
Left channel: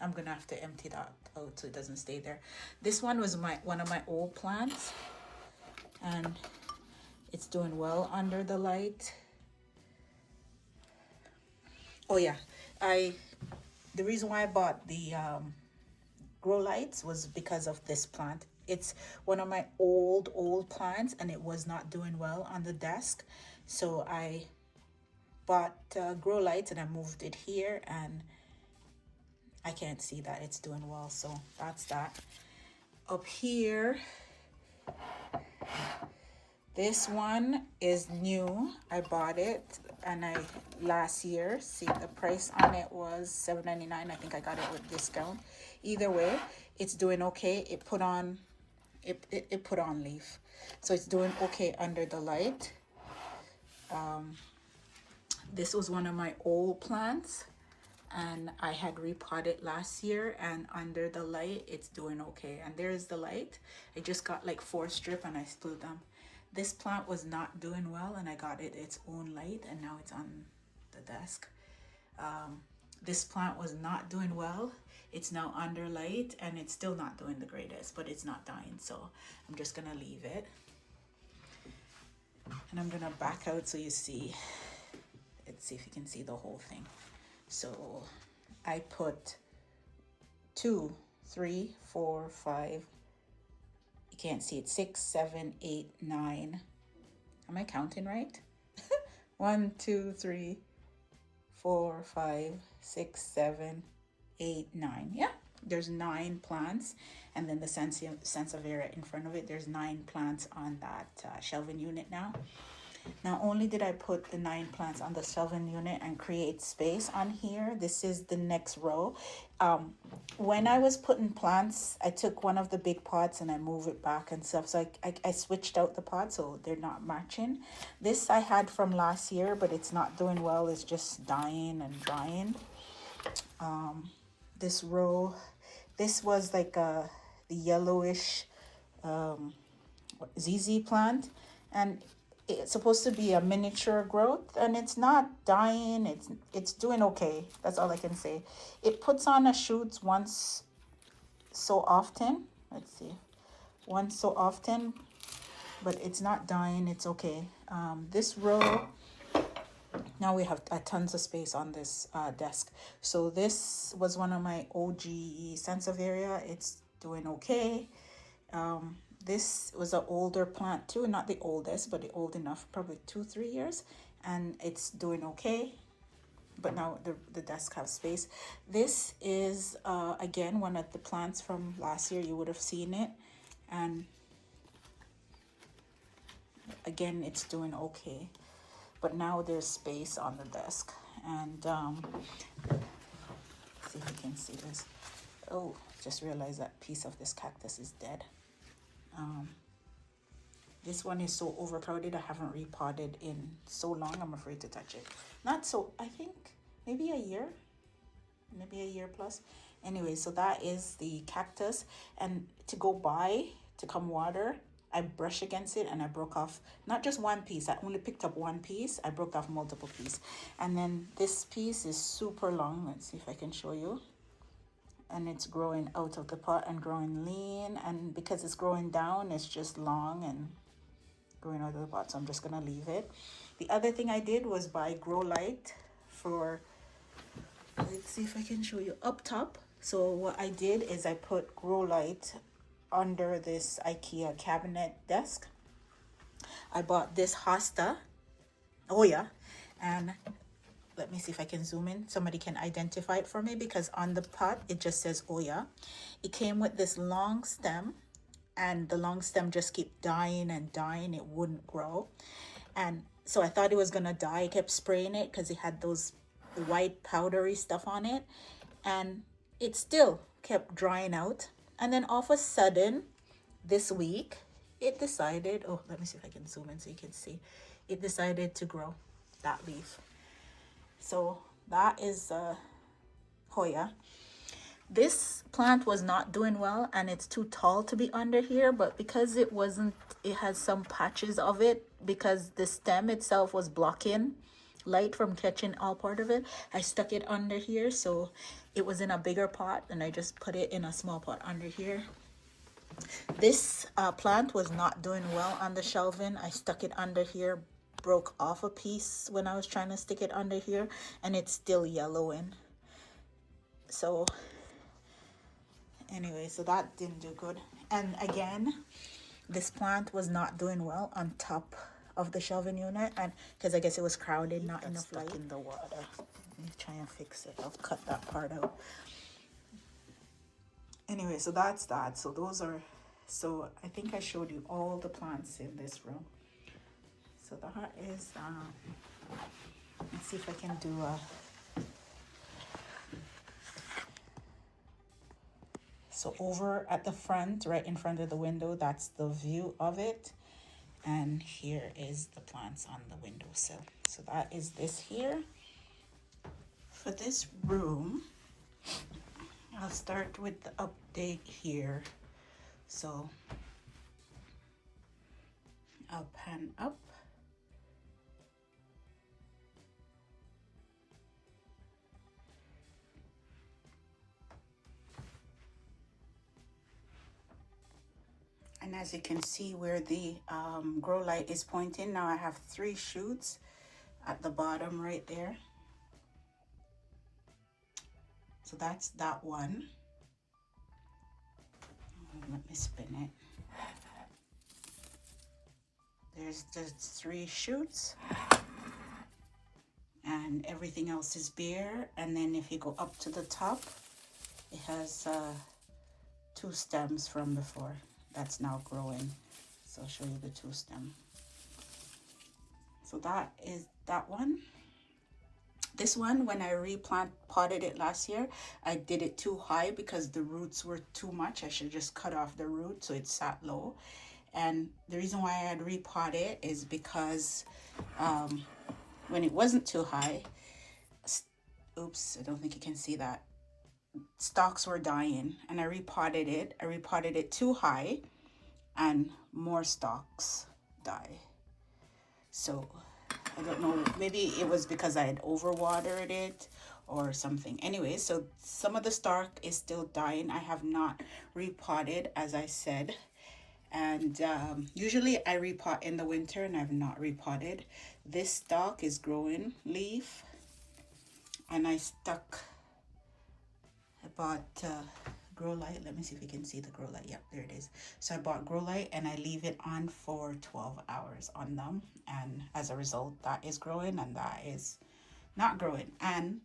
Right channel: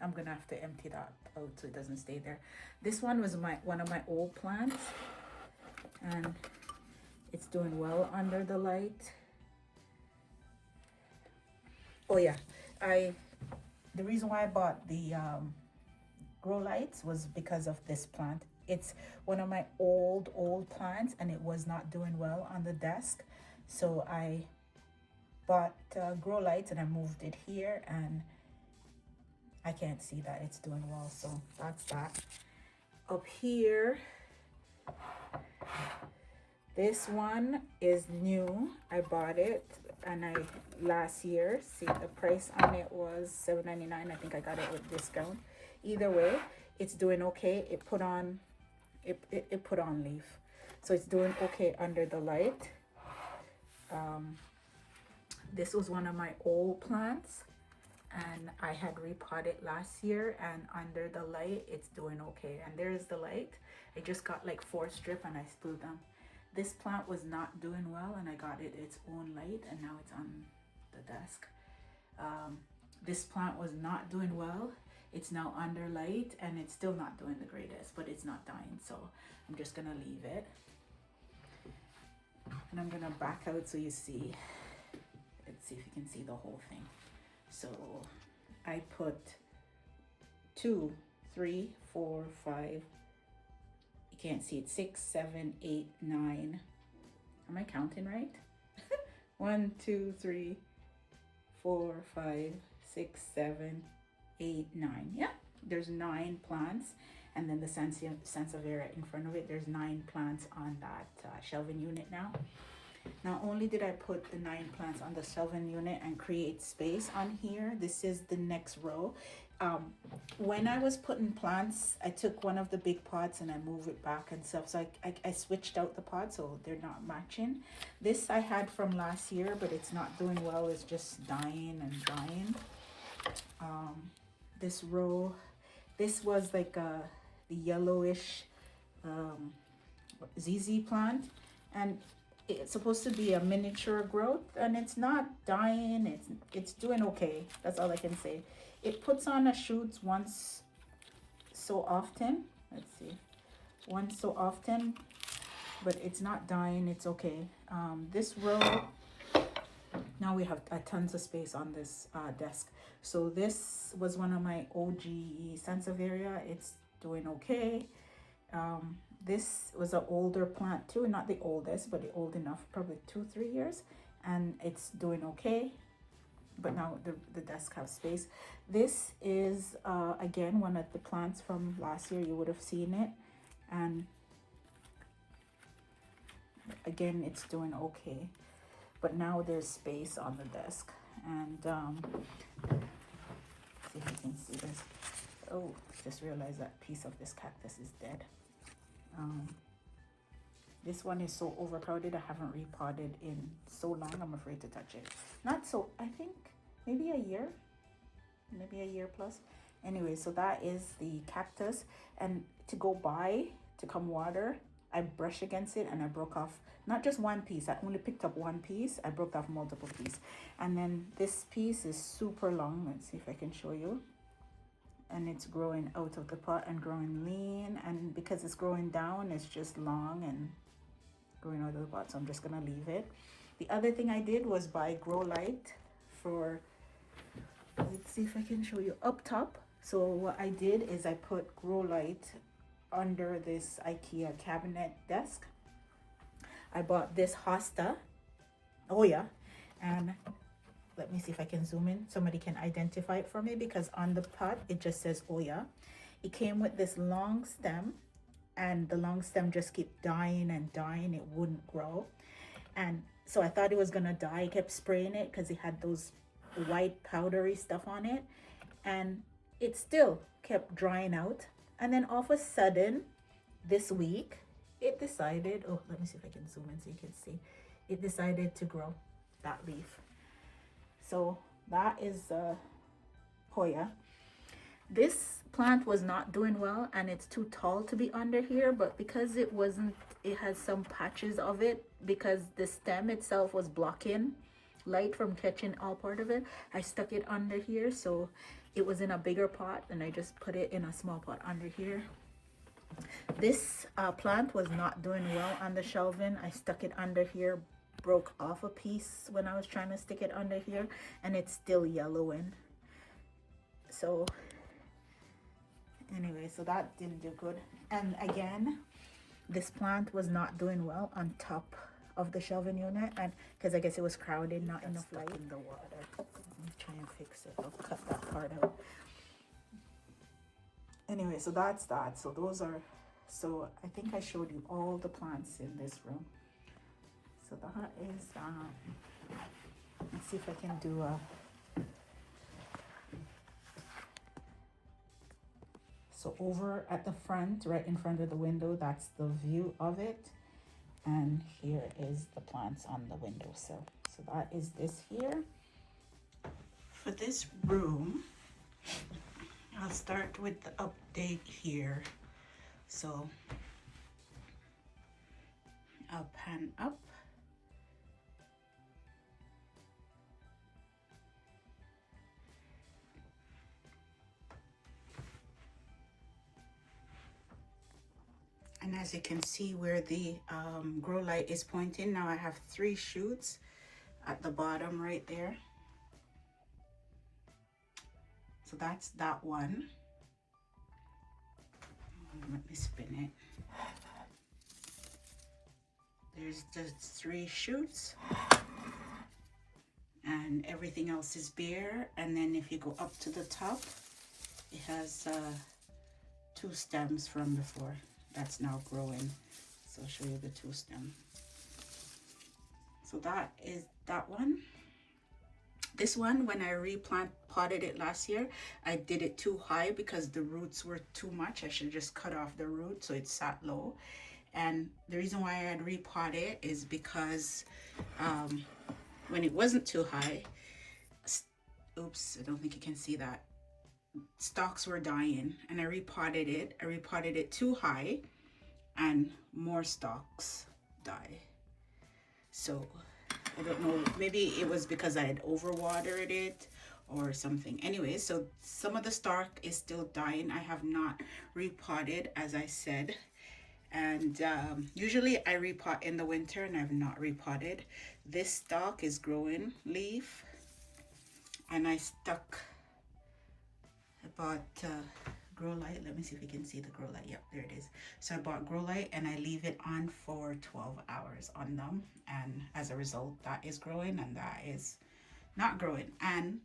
I'm gonna have to empty that out so it doesn't stay there. This one was one of my old plants, and it's doing well under the light. Oh yeah, the reason why I bought the grow lights was because of this plant. It's one of my old plants, and it was not doing well on the desk, so I bought grow lights, and I moved it here, and I can't see that it's doing well, so that's that. Up here, this one is new. I bought it, and last year, see, the price on it was $7.99. I think I got it with discount. Either way, it's doing okay. It put on leaf, so it's doing okay under the light. This was one of my old plants, and I had repotted last year, and under the light it's doing okay. And there's the light. I just got like 4 strips, and I split them. This plant was not doing well, and I got it its own light, and now it's on the desk. This plant was not doing well. It's now under light, and it's still not doing the greatest, but it's not dying, so I'm just gonna leave it. And I'm gonna back out so you see. Let's see if you can see the whole thing. So I put 2, 3, 4, 5. You can't see it. 6, 7, 8, 9. Am I counting right? 1, 2, 3, 4, 5, 6, 7, 8, 9. Yeah, there's 9 plants, and then the sansevieria in front of it. There's 9 plants on that shelving unit now. Not only did I put the 9 plants on the shelving unit and create space on here, this is the next row. When I was putting plants, I took one of the big pots and I moved it back and stuff. So I switched out the pots so they're not matching. This I had from last year, but it's not doing well. It's just dying and drying. This row, this was like the yellowish ZZ plant. and it's supposed to be a miniature growth, and it's not dying. It's doing okay. That's all I can say. It puts on a shoots once so often. Let's see, once so often, but it's not dying. It's okay. This row, now we have tons of space on this desk. So this was one of my OG Sansevieria. It's doing okay. This was an older plant too, not the oldest, but the old enough, probably 2-3 years, and it's doing okay. But now the desk has space. This is again one of the plants from last year. You would have seen it, and again it's doing okay. But now there's space on the desk, and see if I can see this. Oh, just realized that piece of this cactus is dead. This one is so overcrowded. I haven't repotted in so long. I'm afraid to touch it. Not so, I think maybe a year plus. Anyway, so that is the cactus. And to go by, to come water, I brush against it and I broke off not just one piece. I only picked up one piece. I broke off multiple pieces. And then this piece is super long. Let's see if I can show you. And it's growing out of the pot and growing lean, and because it's growing down, it's just long and growing out of the pot, so I'm just gonna leave it. The other thing I did was buy grow light for, let's see if I can show you, up top. So what I did is I put grow light under this IKEA cabinet desk. I bought this hosta, oh yeah, and let me see if I can zoom in. Somebody can identify it for me, because on the pot, it just says Oya. It came with this long stem, and the long stem just kept dying and dying. It wouldn't grow. And so I thought it was gonna die. I kept spraying it because it had those white powdery stuff on it. And it still kept drying out. And then all of a sudden, this week, it decided, oh, let me see if I can zoom in so you can see. It decided to grow that leaf. So that is Hoya. This plant was not doing well, and it's too tall to be under here, but because it wasn't, it has some patches of it, because the stem itself was blocking light from catching all part of it. I stuck it under here, so it was in a bigger pot, and I just put it in a small pot under here. This plant was not doing well on the shelving. I stuck it under here, broke off a piece when I was trying to stick it under here, and it's still yellowing. So anyway, so that didn't do good. And again, this plant was not doing well on top of the shelving unit, and because I guess it was crowded, not enough light in the water. Let me try and fix it. I'll cut that part out. Anyway, so that's that. So those are, so I think I showed you all the plants in this room. So that is, let's see if I can do a, so over at the front, right in front of the window, that's the view of it. And here is the plants on the windowsill. So that is this here. For this room, I'll start with the update here. So I'll pan up. And as you can see where the grow light is pointing, now I have 3 shoots at the bottom right there. So that's that one. Let me spin it. There's the 3 shoots, and everything else is bare. And then if you go up to the top, it has 2 stems from before. That's now growing. So I'll show you the 2 stems. So that is that one. This one, when I potted it last year, I did it too high because the roots were too much. I should just cut off the root so it sat low. And the reason why I had repotted it is because when it wasn't too high, oops, I don't think you can see that, stalks were dying, and I repotted it. I repotted it too high, and more stalks die. So I don't know, maybe it was because I had overwatered it or something. Anyway, so some of the stalk is still dying. I have not repotted, as I said. And usually I repot in the winter, and I've not repotted. This stalk is growing leaf, and I bought grow light. Let me see if you can see the grow light. Yep, there it is. So I bought grow light, and I leave it on for 12 hours on them, and as a result that is growing and that is not growing. And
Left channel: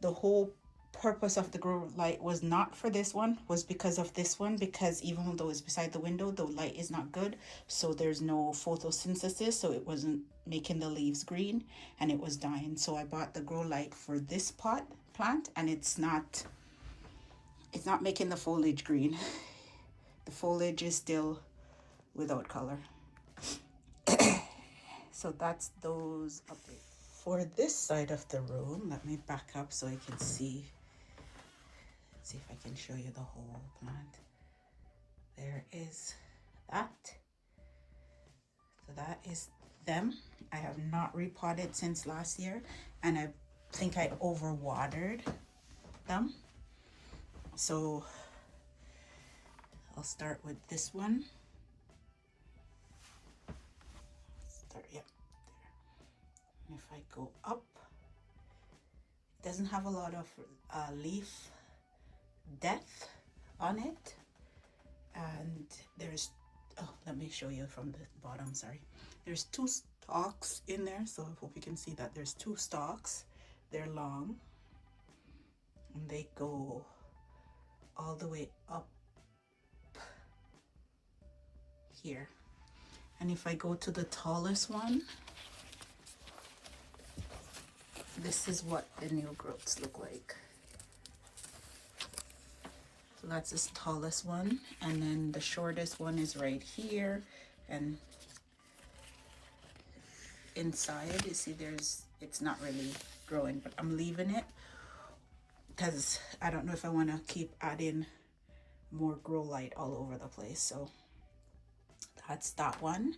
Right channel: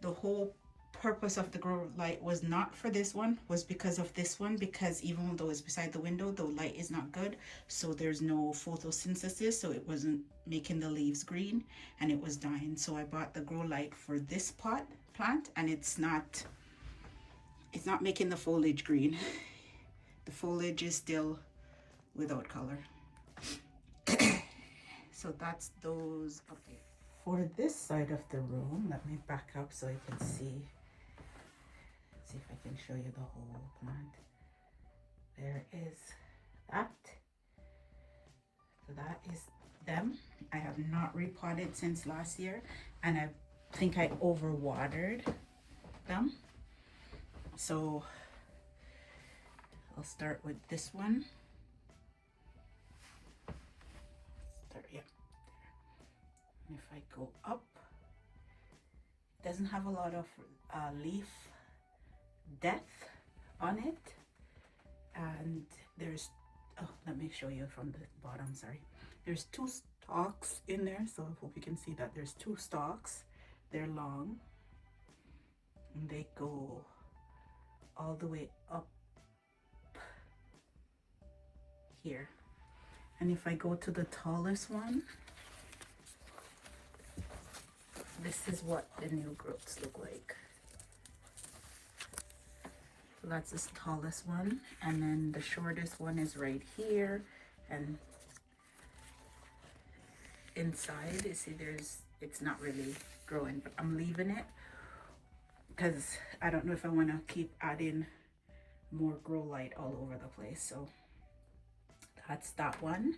the whole purpose of the grow light was not for this one, was because of this one, because even though it's beside the window, the light is not good, so there's no photosynthesis, so it wasn't making the leaves green and it was dying. So I bought the grow light for this plant, and it's not making the foliage green. The foliage is still without color. So that's those updates. For this side of the room, let me back up so I can see if I can show you the whole plant. There is that. So that is them. I have not repotted since last year, and I think I overwatered them. So I'll start with this one. Yep, there. And if I go up, it doesn't have a lot of leaf depth on it. And there's, oh, let me show you from the bottom, sorry. There's 2 stalks in there, so I hope you can see that there's 2 stalks. They're long, and they go all the way up here. And if I go to the tallest one, this is what the new growths look like. So that's the tallest one, and then the shortest one is right here, and inside, you see it's not really growing, but I'm leaving it because I don't know if I want to keep adding more grow light all over the place. So that's that one.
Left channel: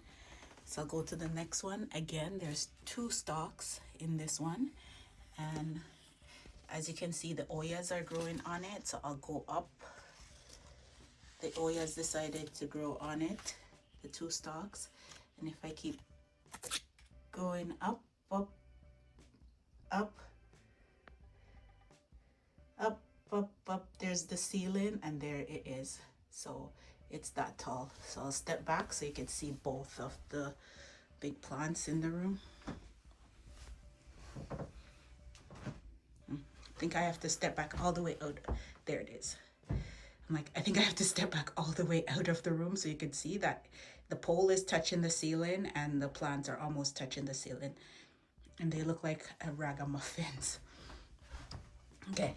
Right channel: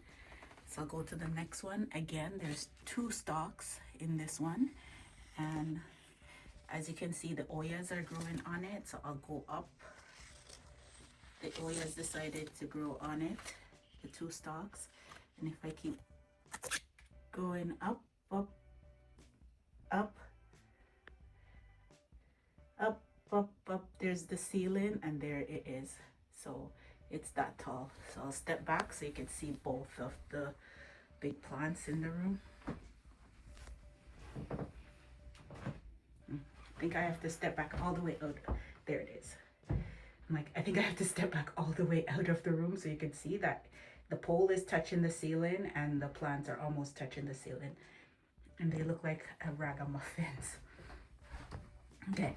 So I'll go to the next one. Again, there's 2 stalks in this one, and as you can see, the oyas are growing on it. So I'll go up. The oyas decided to grow on it, the 2 stalks, and if I keep going up, up, up, up, up, up, there's the ceiling, and there it is. So it's that tall. So I'll step back so you can see both of the big plants in the room. I think I have to step back all the way out. There it is. I'm like, I think I have to step back all the way out of the room so you can see that the pole is touching the ceiling and the plants are almost touching the ceiling. And they look like a ragamuffins. Okay,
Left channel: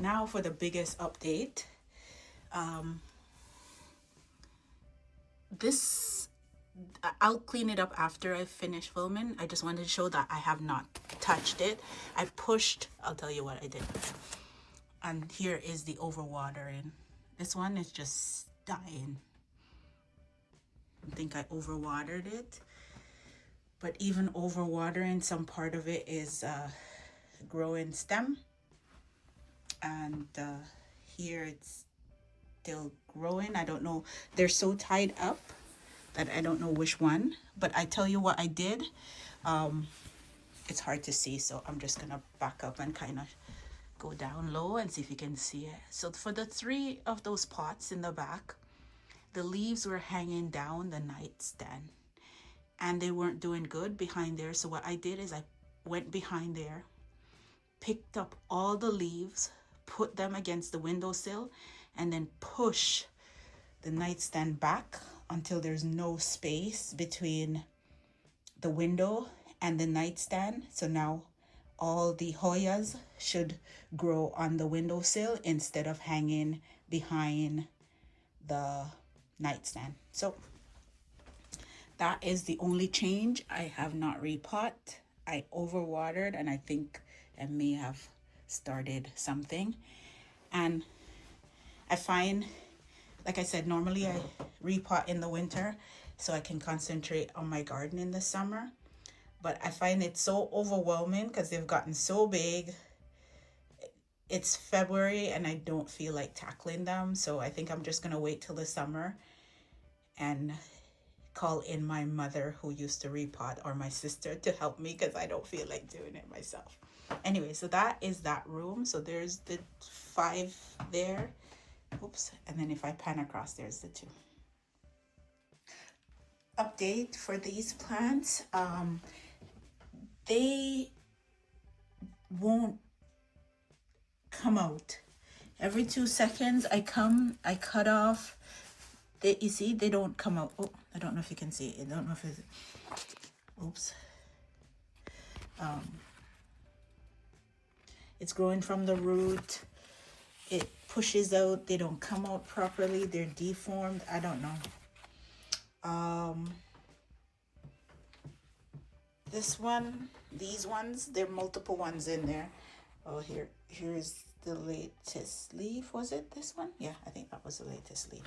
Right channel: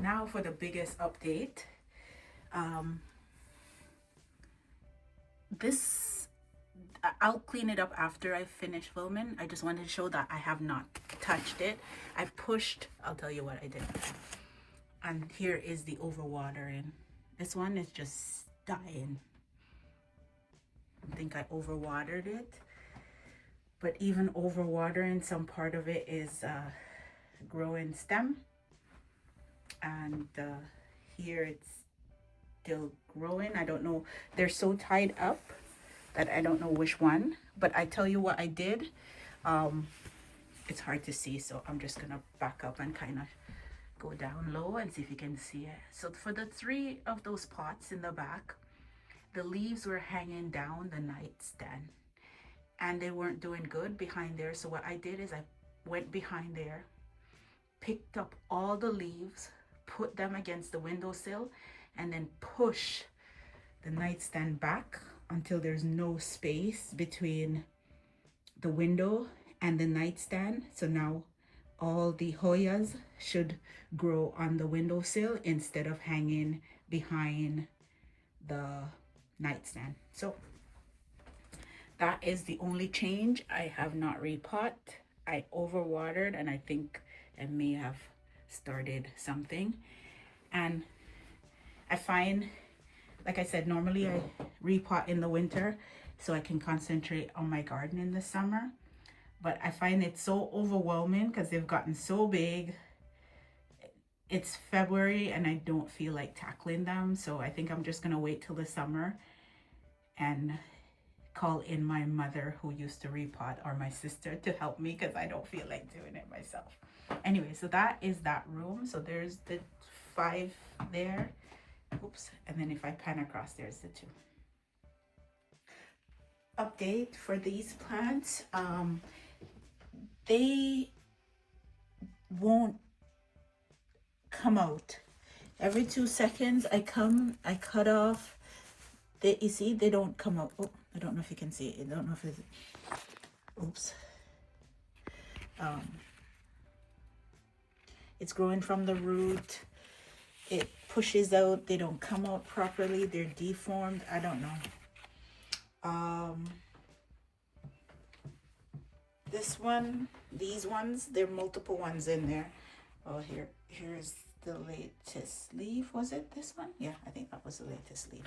now for the biggest update. I'll clean it up after I finish filming. I just wanted to show that I have not touched it. I pushed, I'll tell you what I did. And here is the overwatering. This one is just dying. I think I overwatered it. But even overwatering, some part of it is growing stem. And here it's still growing. I don't know. They're so tied up that I don't know which one. But I tell you what I did. It's hard to see, so I'm just going to back up and kind of go down low and see if you can see it. So for the 3 of those pots in the back, the leaves were hanging down the nightstand. And they weren't doing good behind there. So what I did is I went behind there, picked up all the leaves, put them against the windowsill, and then push the nightstand back until there's no space between the window and the nightstand. So now all the Hoyas should grow on the windowsill instead of hanging behind the nightstand. So that is the only change. I have not repot. I overwatered, and I think I may have started something. And I find, like I said, normally I repot in the winter. so I can concentrate on my garden in the summer. But I find it so overwhelming because they've gotten so big. It's February and I don't feel like tackling them, so I think I'm just gonna wait till the summer and call in my mother who used to repot, or my sister, to help me because I don't feel like doing it myself. Anyway, so that is that room. So there's the 5 there. Oops. And then if I pan across, there's the 2. Update for these plants. They won't come out. Every 2 seconds I cut off. You see, they don't come out. Oh, I don't know if you can see it. I don't know if it's, oops. It's growing from the root. It pushes out. They don't come out properly. They're deformed. I don't know. This one, these ones, there are multiple ones in there. Oh, here's the latest leaf. Was it this one? Yeah, I think that was the latest leaf.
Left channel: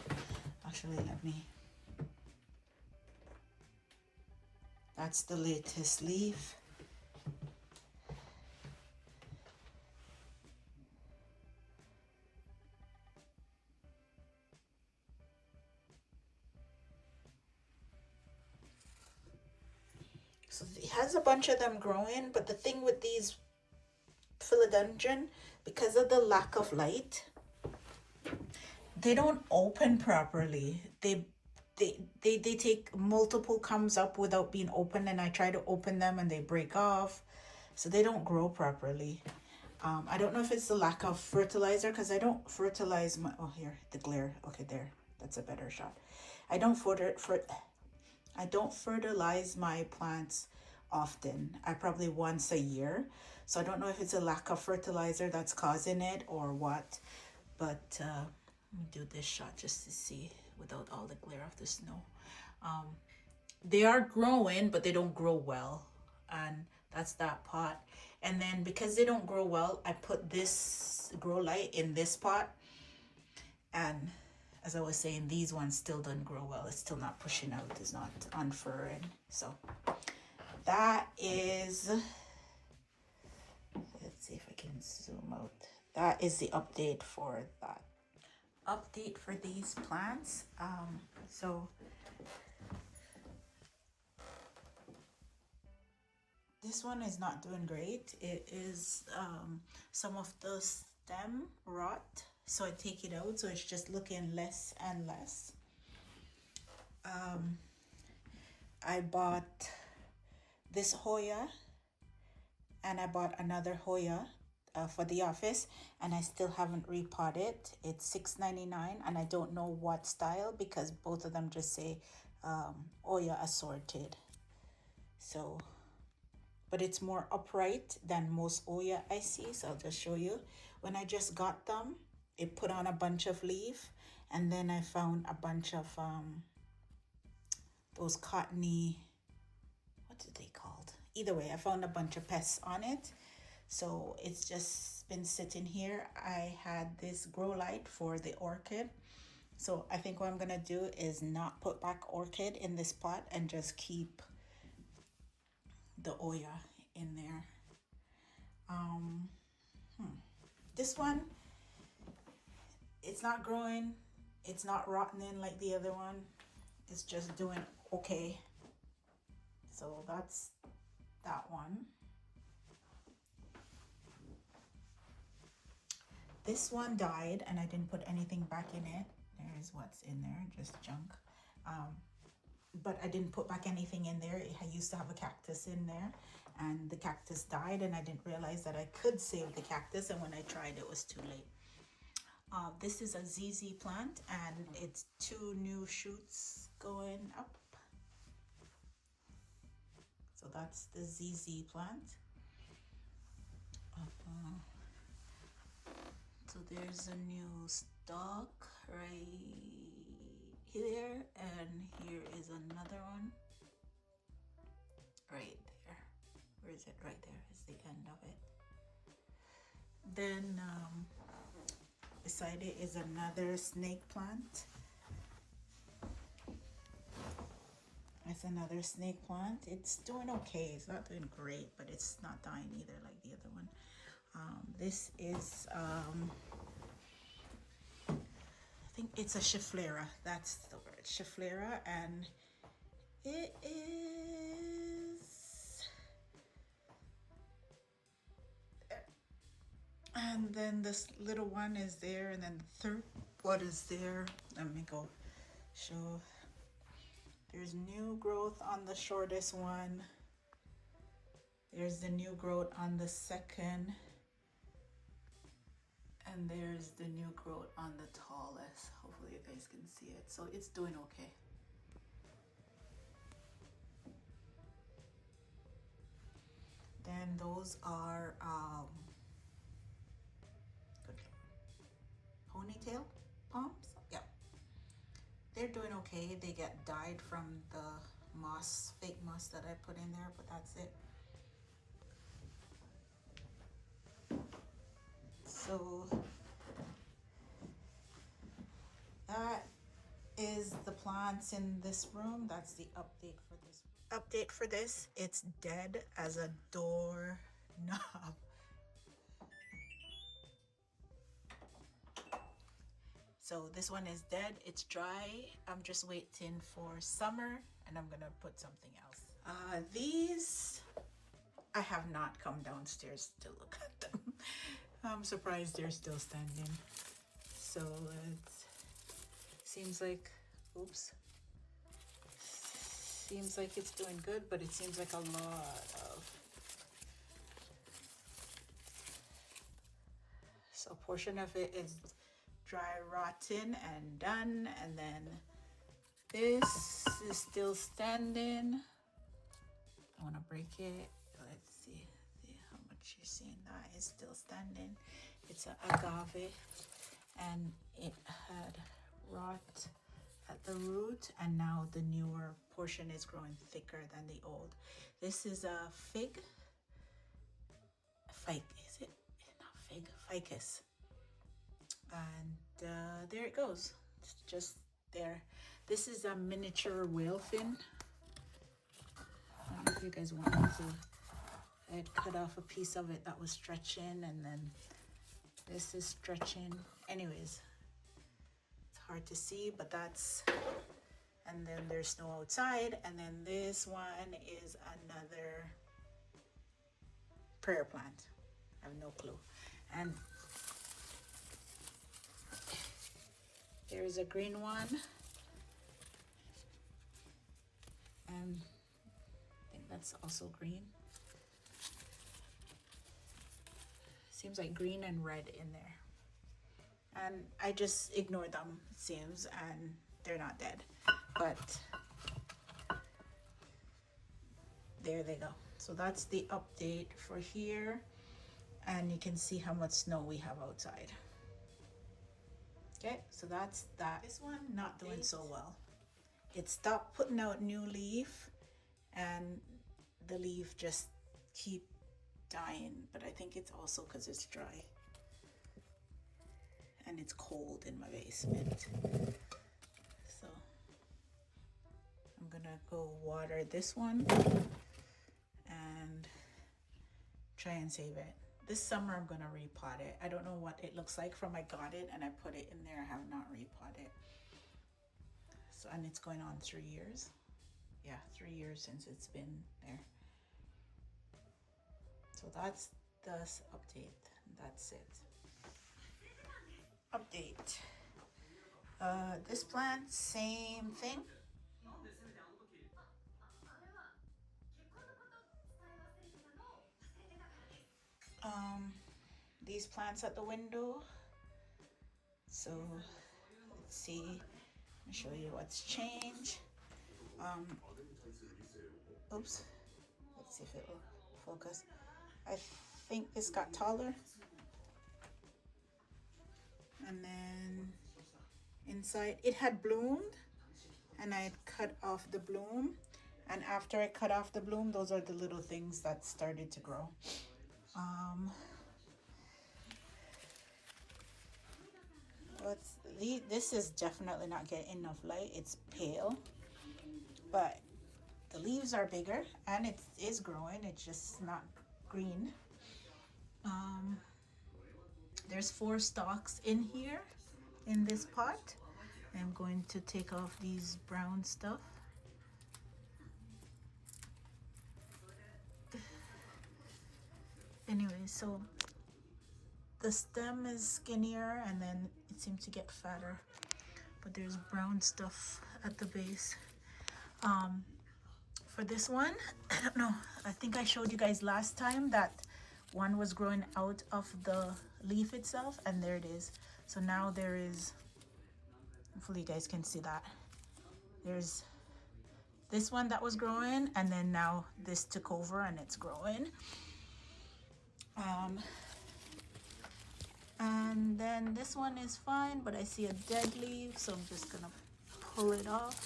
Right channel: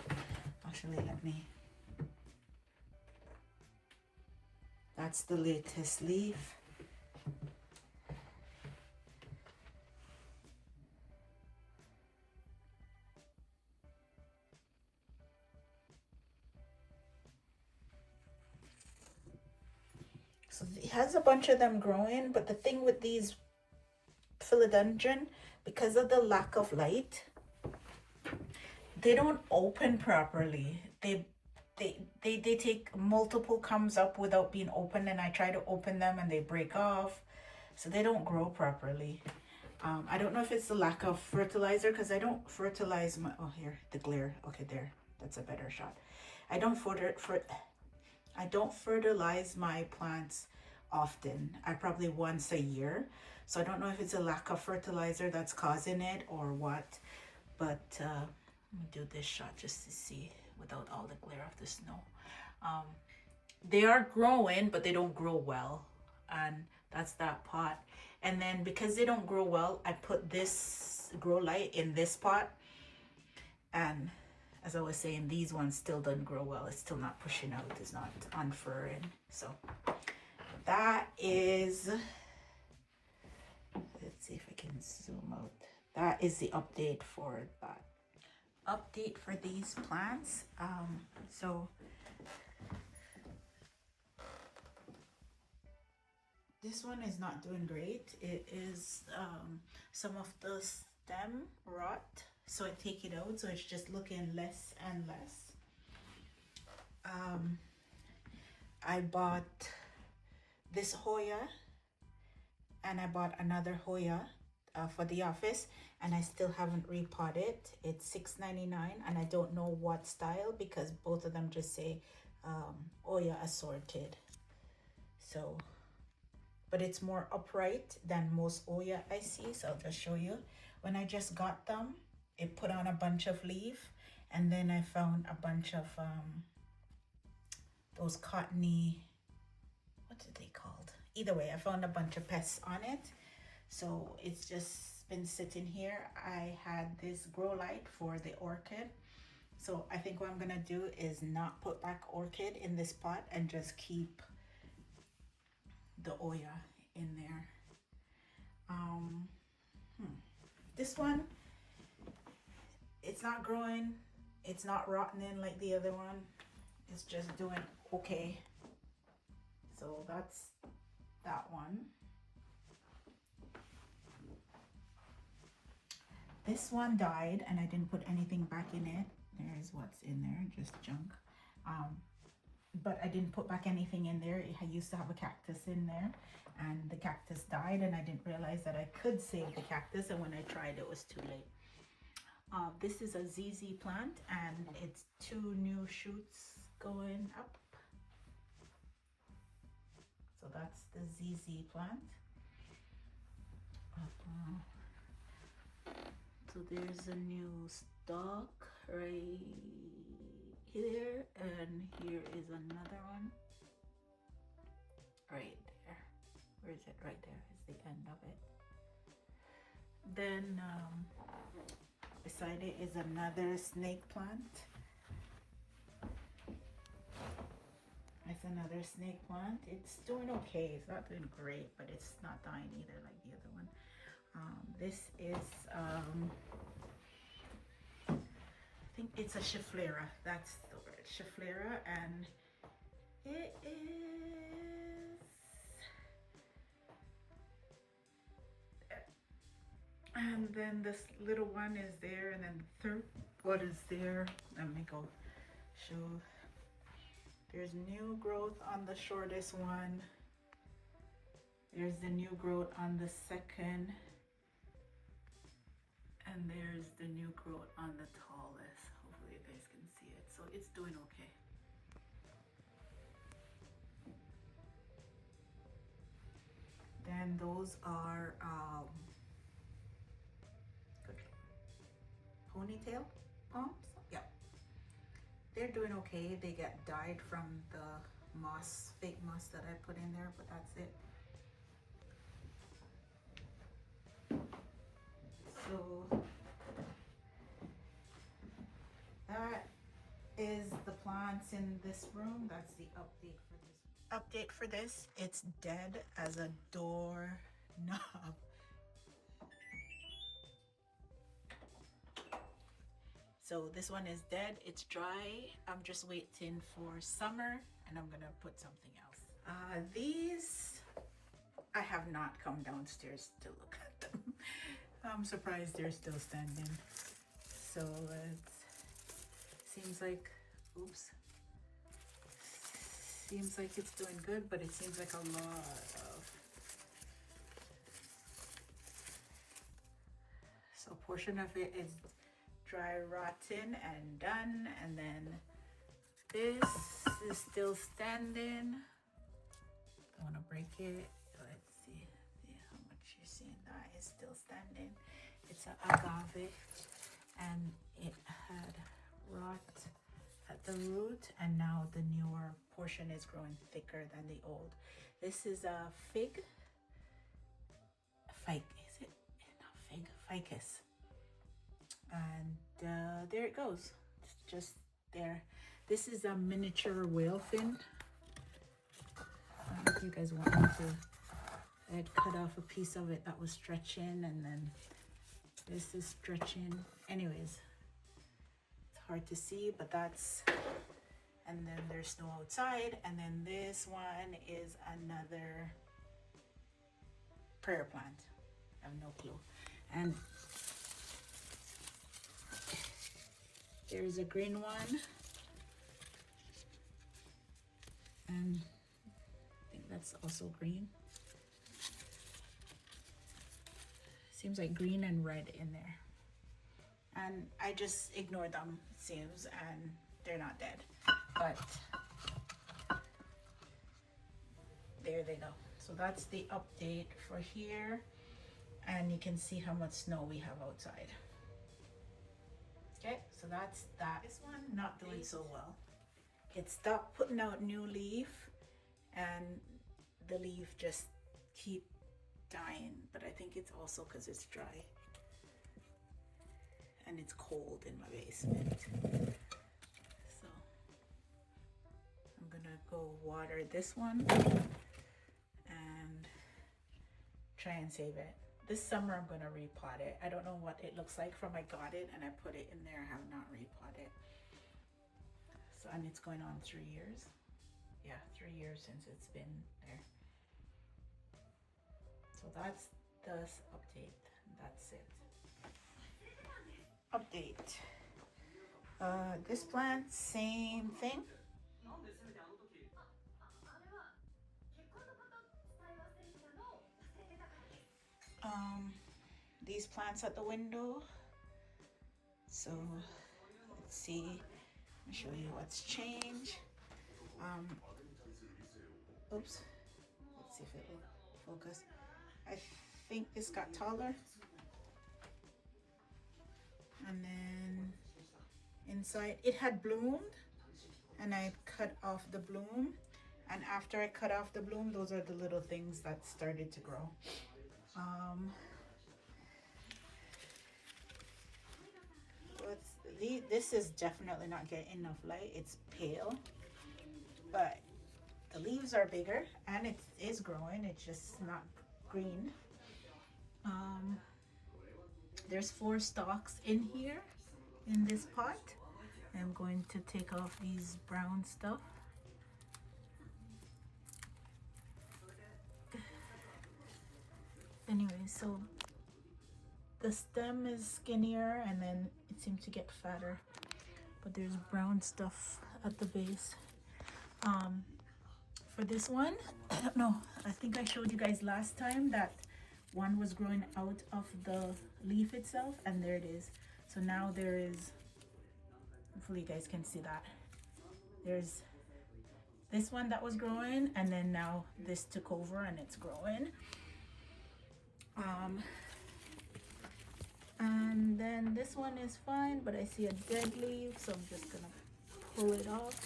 Actually, that's the latest leaf. So it has a bunch of them growing, but the thing with these philodendron, because of the lack of light, they don't open properly. They take multiple comes up without being opened, and I try to open them and they break off, so they don't grow properly. I don't know if it's the lack of fertilizer, because I don't fertilize my, oh, here, the glare. Okay, there, that's a better shot. I don't fertilize my plants often. I probably once a year. So I don't know if it's a lack of fertilizer that's causing it or what. But let me do this shot just to see without all the glare of the snow. They are growing, but they don't grow well. And that's that pot. And then because they don't grow well, I put this grow light in this pot. And as I was saying, these ones still don't grow well. It's still not pushing out. It's not unfurring. So that is, let's see if I can zoom out. That is the update for that. Update for these plants. So this one is not doing great. It is some of the stem rot. So I take it out, so it's just looking less and less. I bought this Hoya, and I bought another Hoya for the office, and I still haven't repotted. It's $6.99, and I don't know what style because both of them just say Hoya assorted. So, but it's more upright than most Hoya I see, so I'll just show you. When I just got them, it put on a bunch of leaf, and then I found a bunch of those cottony, what are they called? Either way, I found a bunch of pests on it. So it's just been sitting here. I had this grow light for the orchid. So I think what I'm gonna do is not put back orchid in this pot and just keep the Hoya in there. This one, it's not growing, it's not rotting like the other one. It's just doing okay. So that's that one. This one died and I didn't put anything back in it. There's what's in there, just junk. But I didn't put back anything in there. I used to have a cactus in there, and the cactus died, and I didn't realize that I could save the cactus, and when I tried, it was too late. This is a ZZ plant, and it's 2 new shoots going up. So that's the ZZ plant. So there's a new stalk right here, and here is another one right there. Where is it? Right there is the end of it. Then beside it is another snake plant. That's another snake plant. It's doing okay. It's not doing great, but it's not dying either like the other one. This is, I think it's a Schefflera. That's the word, Schefflera, and it is. And then this little one is there, and then the third one is there. Let me go show. There's new growth on the shortest one. There's the new growth on the second. And there's the new growth on the tallest. Hopefully you guys can see it. So it's doing okay. Then those are ponytail palms. Yeah, they're doing okay. They get dyed from the moss, fake moss that I put in there, but that's it. So that is the plants in this room. That's the update for this. Update for this, it's dead as a door knob. So this one is dead, it's dry. I'm just waiting for summer and I'm gonna put something else. These, I have not come downstairs to look at them. I'm surprised they're still standing. So it seems like, oops. Seems like it's doing good, but it seems like a lot of. So a portion of it is dry, rotten, and done. And then this is still standing. I want to break it. Let's see how much you're seeing. That is still standing. It's an agave, and it had rot at the root, and now the newer portion is growing thicker than the old. This is a fig. Is it not fig? Ficus. And there it goes. It's just there. This is a miniature whale fin. I don't know if you guys want me to. I had cut off a piece of it that was stretching, and then this is stretching. Anyways, it's hard to see, but that's, and then there's snow outside, and then this one is another prayer plant. I have no clue. And there's a green one, and I think that's also green. Seems like green and red in there. And I just ignore them, it seems, and they're not dead. But there they go. So that's the update for here. And you can see how much snow we have outside. Okay, so that's that. This one not doing so well. It stopped putting out new leaf, and the leaf just keep dying, but I think it's also because it's dry and it's cold in my basement. So I'm gonna go water this one and try and save it. This summer I'm gonna repot it. I don't know what it looks like from I got it and I put it in there. I have not repotted. So, and it's going on 3 years. Yeah, 3 years since it's been there. So that's this update. That's it. Update. This plant, same thing. These plants at the window. So let's see. Let me show you what's changed. Oops. Let's see if it will focus. I think this got taller. And then inside, it had bloomed, and I cut off the bloom. And after I cut off the bloom, those are the little things that started to grow. This is definitely not getting enough light. It's pale, but the leaves are bigger and it is growing. It's just not green. There's 4 stalks in here in this pot. I'm going to take off these brown stuff. Anyway, so the stem is skinnier and then it seems to get fatter, but there's brown stuff at the base. For this one, I don't know, I think I showed you guys last time that one was growing out of the leaf itself, and there it is. So now there is, hopefully you guys can see that, there's this one that was growing, and then now this took over and it's growing. And then this one is fine, but I see a dead leaf, so I'm just gonna pull it off.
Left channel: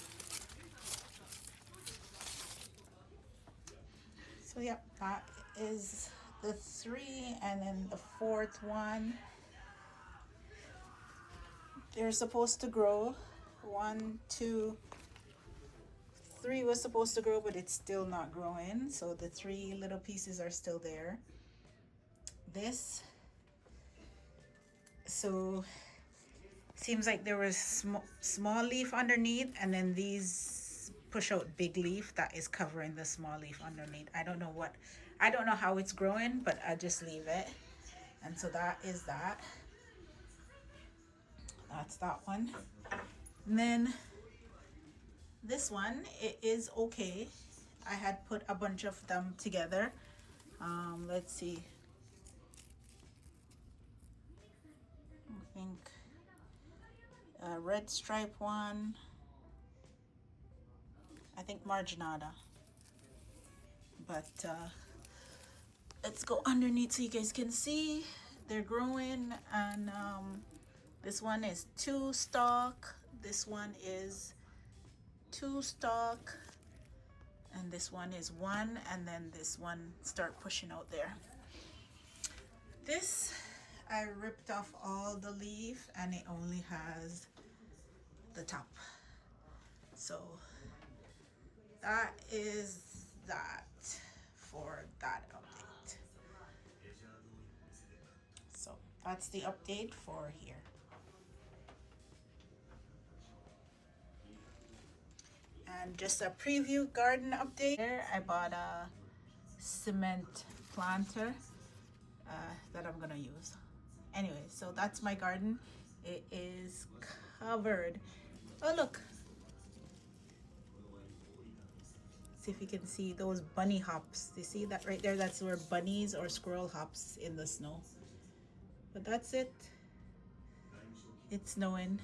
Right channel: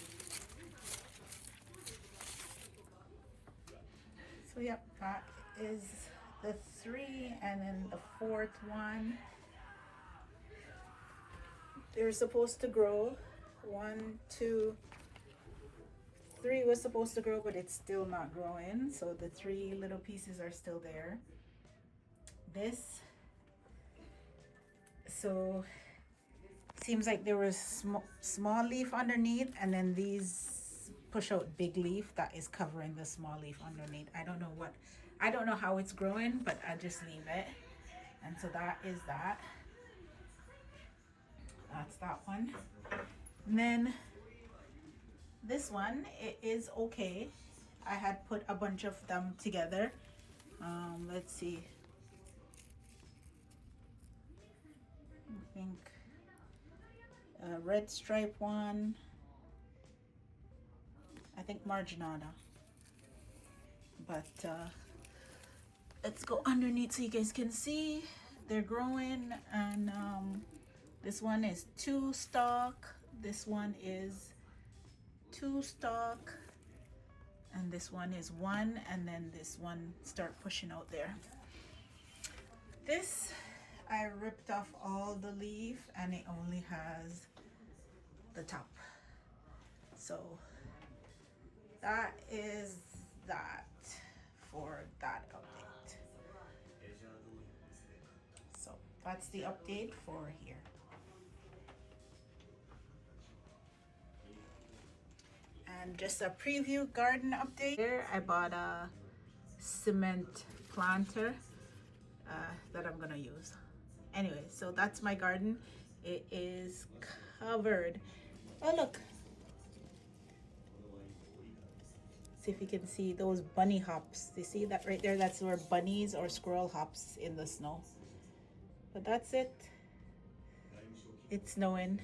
So yeah, that is the 3, and then the 4th one. They're supposed to grow. 1, 2, 3 was supposed to grow, but it's still not growing. So the 3 little pieces are still there. This, so seems like there was small leaf underneath, and then these push out big leaf that is covering the small leaf underneath. I don't know how it's growing, but I just leave it. And so that is that. That's that one. And then this one, it is okay. I had put a bunch of them together. Let's see. I think a red stripe one. I think marginata. But let's go underneath so you guys can see. They're growing, and this one is 2 stalk. This one is 2 stalk, and this one is 1, and then this one start pushing out there. This, I ripped off all the leaf and it only has the top. So that is that for that update. So that's the update for here. And just a preview garden update. Here I bought a cement planter that I'm gonna use. Anyway, so that's my garden. It is covered. Oh look, see if you can see those bunny hops. You see that right there? That's where bunnies or squirrel hops in the snow. But that's it. It's snowing.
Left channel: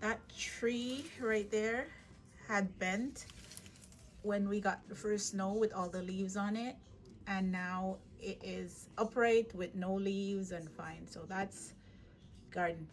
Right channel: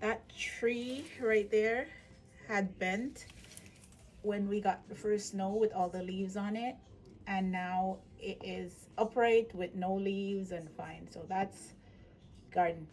That tree right there had bent when we got the first snow with all the leaves on it, and now it is upright with no leaves and fine. So that's garden.